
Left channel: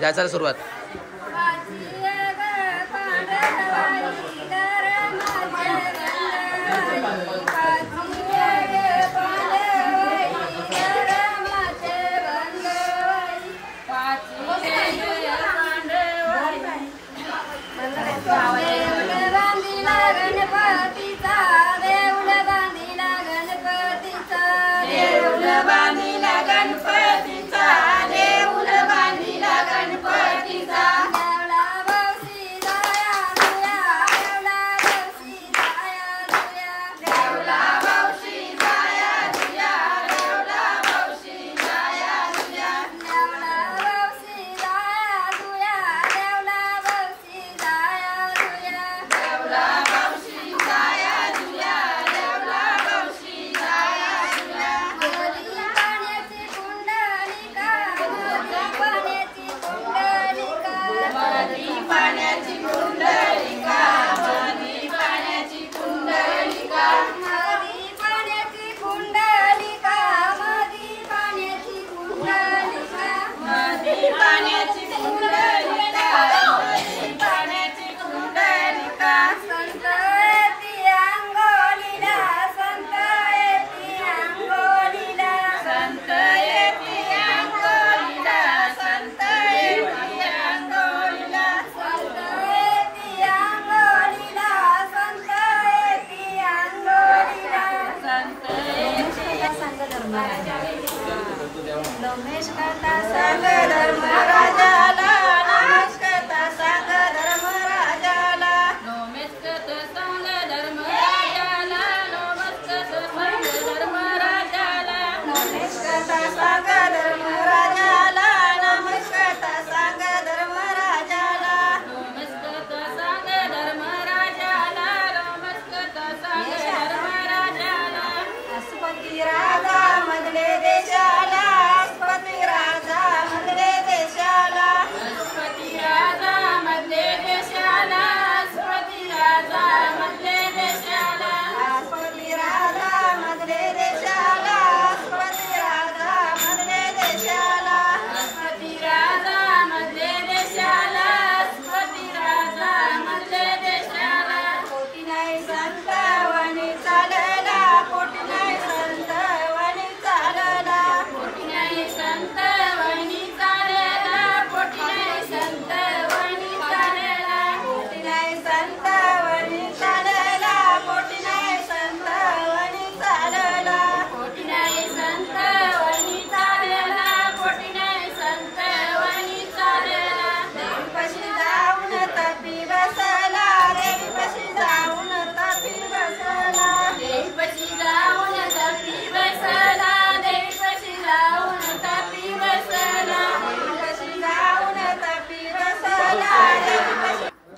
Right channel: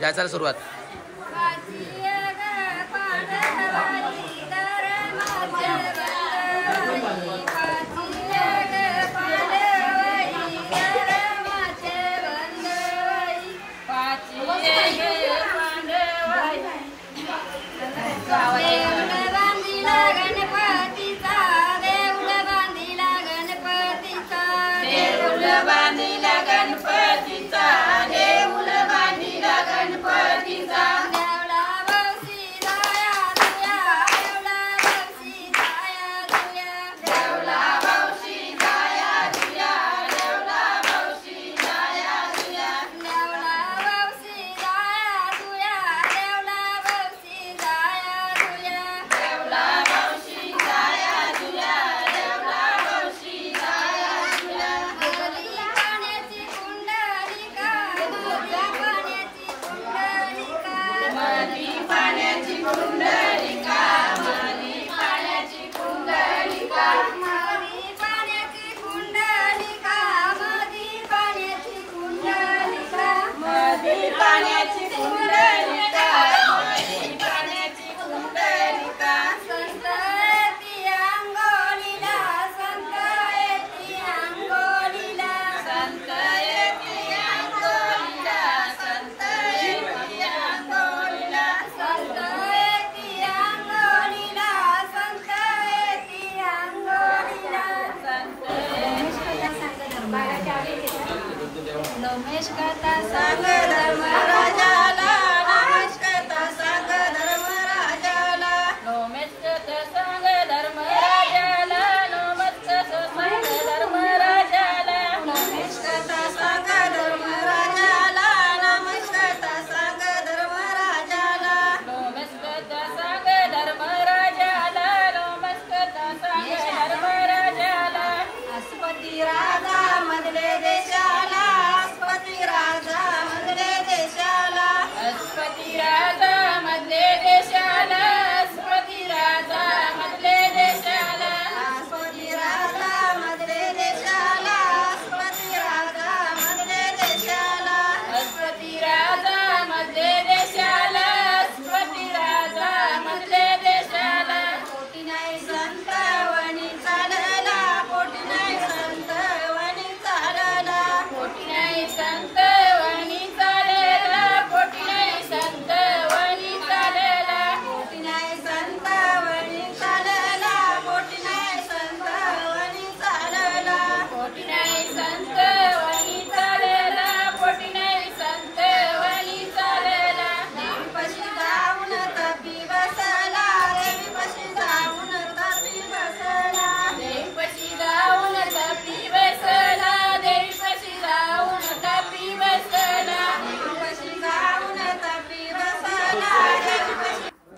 याचा सुरुवात.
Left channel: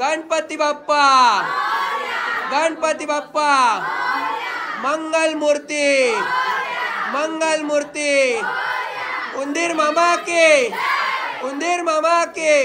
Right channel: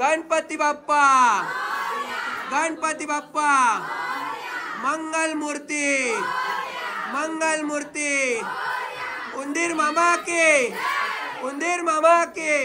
गणपती बाप्पा, गणपती बाप्पा, मंगल मूर्ती, मंगल मूर्ती, उंदीर मामा के, उंदीर मामा के.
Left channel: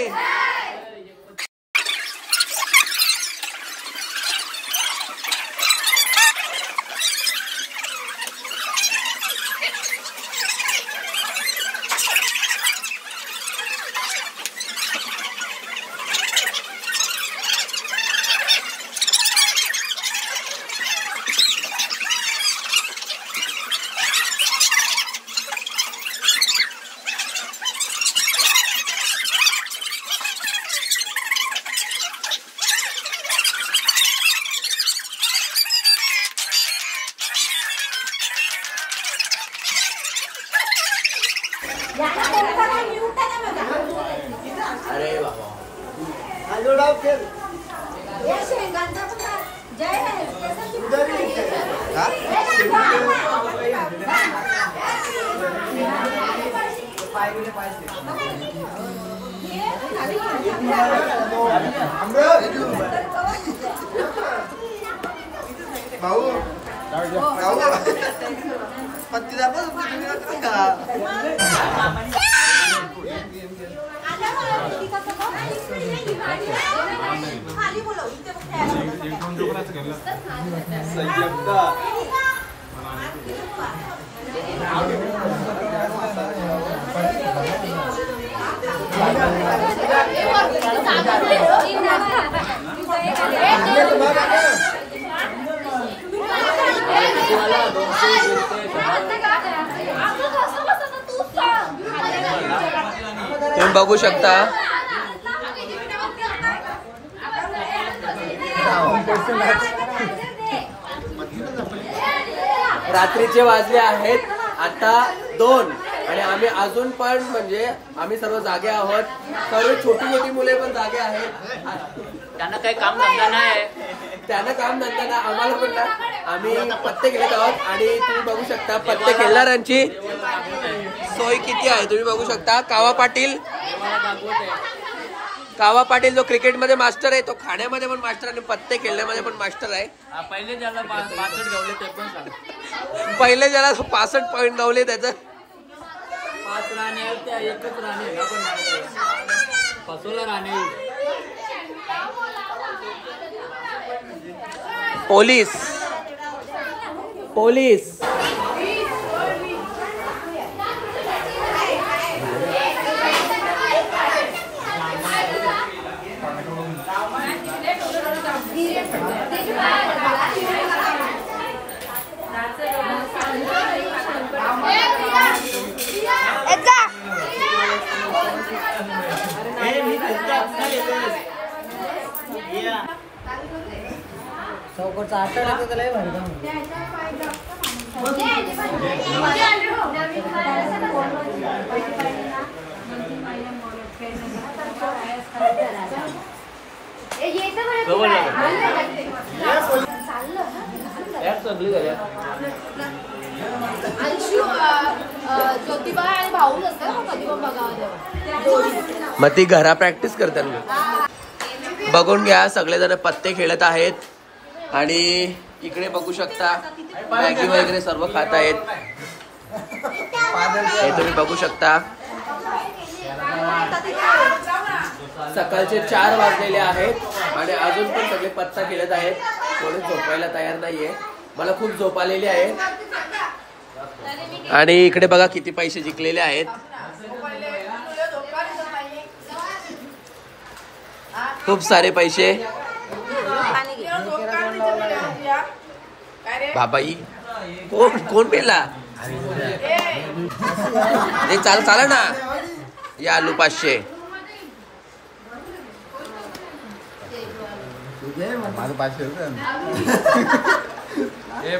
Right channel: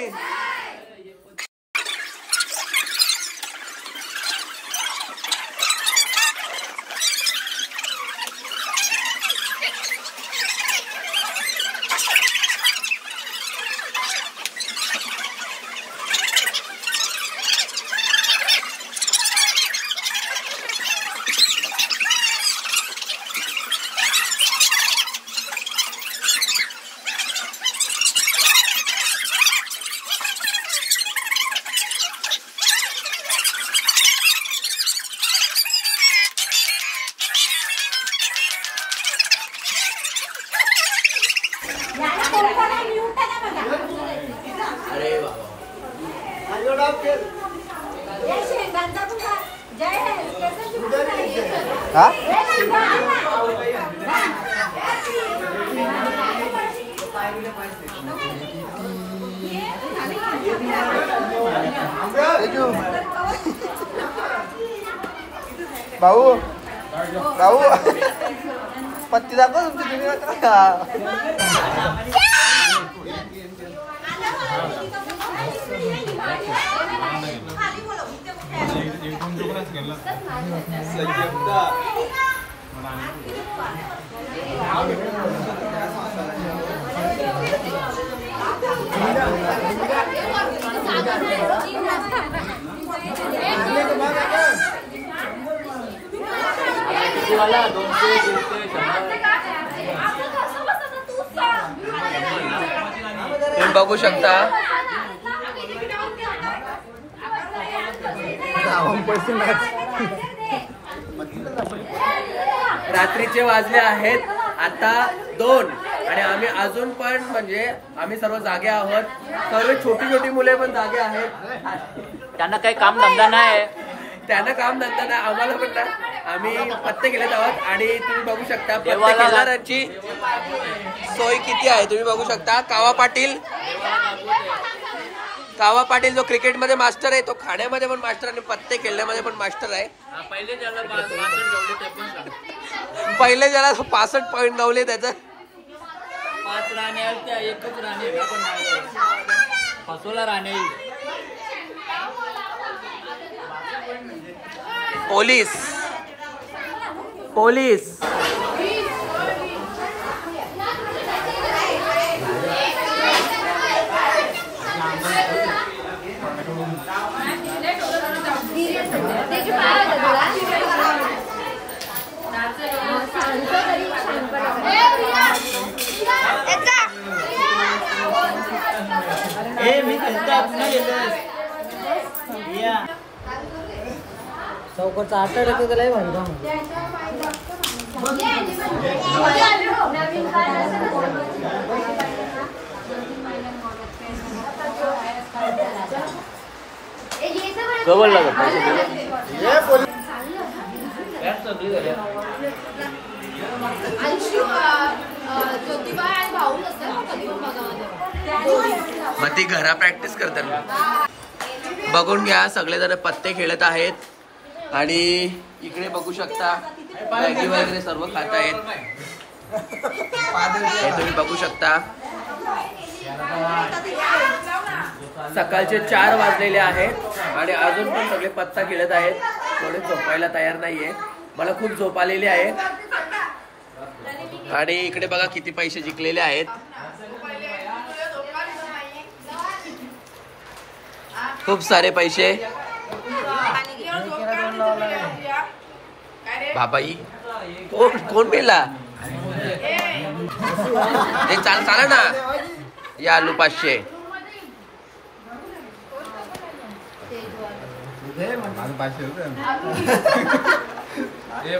अरे बाबा भाऊ भाऊ पत्ती दाखव तुम्ही बघू शकता रात्रीचे वाजले आहेत आता 2 आणि आम्ही अजून पण म्हणजे आम्ही सर्व जागे आहोत. सर्व छोटी छोटी मुले पण जागे आहेत. त्यांना काही काम धंदा नाही. त्यांना काम धंदा नाही, आम्हाला पण नाही. आम्ही पत्ते खेळत आहोत आणि तुम्ही बघू शकता पत्ते खेळणाऱ्यांची सोय किती आहे. तुम्ही बघू शकता कावा पाटील जो क्रिकेटमध्ये मास्टर आहे तो खाण्यामध्ये पण मास्टर आणि पत्ते खेळण्यामध्ये पण मास्टर आहे. पहिले ज्याला 65 पॉईंट गावले त्याचं 5 राणे एकच राणे पाचोला राणे. पोलीस पोलीस मग ती घरा प्रॅक्टिस करतात. बघून घ्या सगळेजण पत्ते खेळत आहेत आणि इकडे बघू शकता मॅगी वगैरे सर्व खात आहेत. हे तुम्ही बघू शकता सकाळचे 4 वाजलेले आहेत आणि अजून पण सगळे पत्ता खेळत आहेत. कोणी झोपायला तयार नाहीये. मला खूप झोप आलेली आहे. आणि इकडे बघा किती पैसे जिंकलेले आहेत. खूप सारे पैसे. बाबाई कोण पेला हे चाला ना या आलू 500.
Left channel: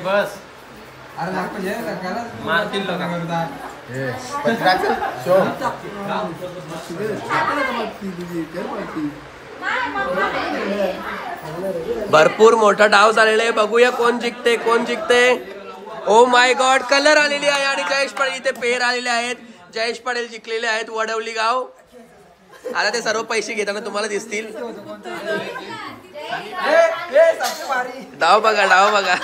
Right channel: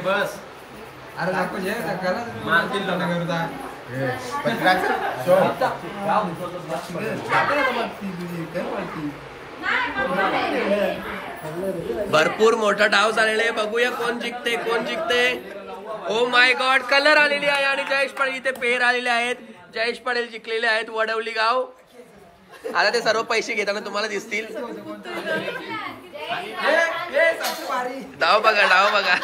बस अरे मारतील भरपूर मोठा डाव झालेला आहे. बघूया कोण जिंकते. ओ माय गॉड कलर आलेली आहे आणि जयेश पाटील इथे पेर आलेले आहेत. जयेश पाटील जिंकलेले आहेत. वडवली गाव. आता ते सर्व पैसे घेताना तुम्हाला दिसतील. डाव बघा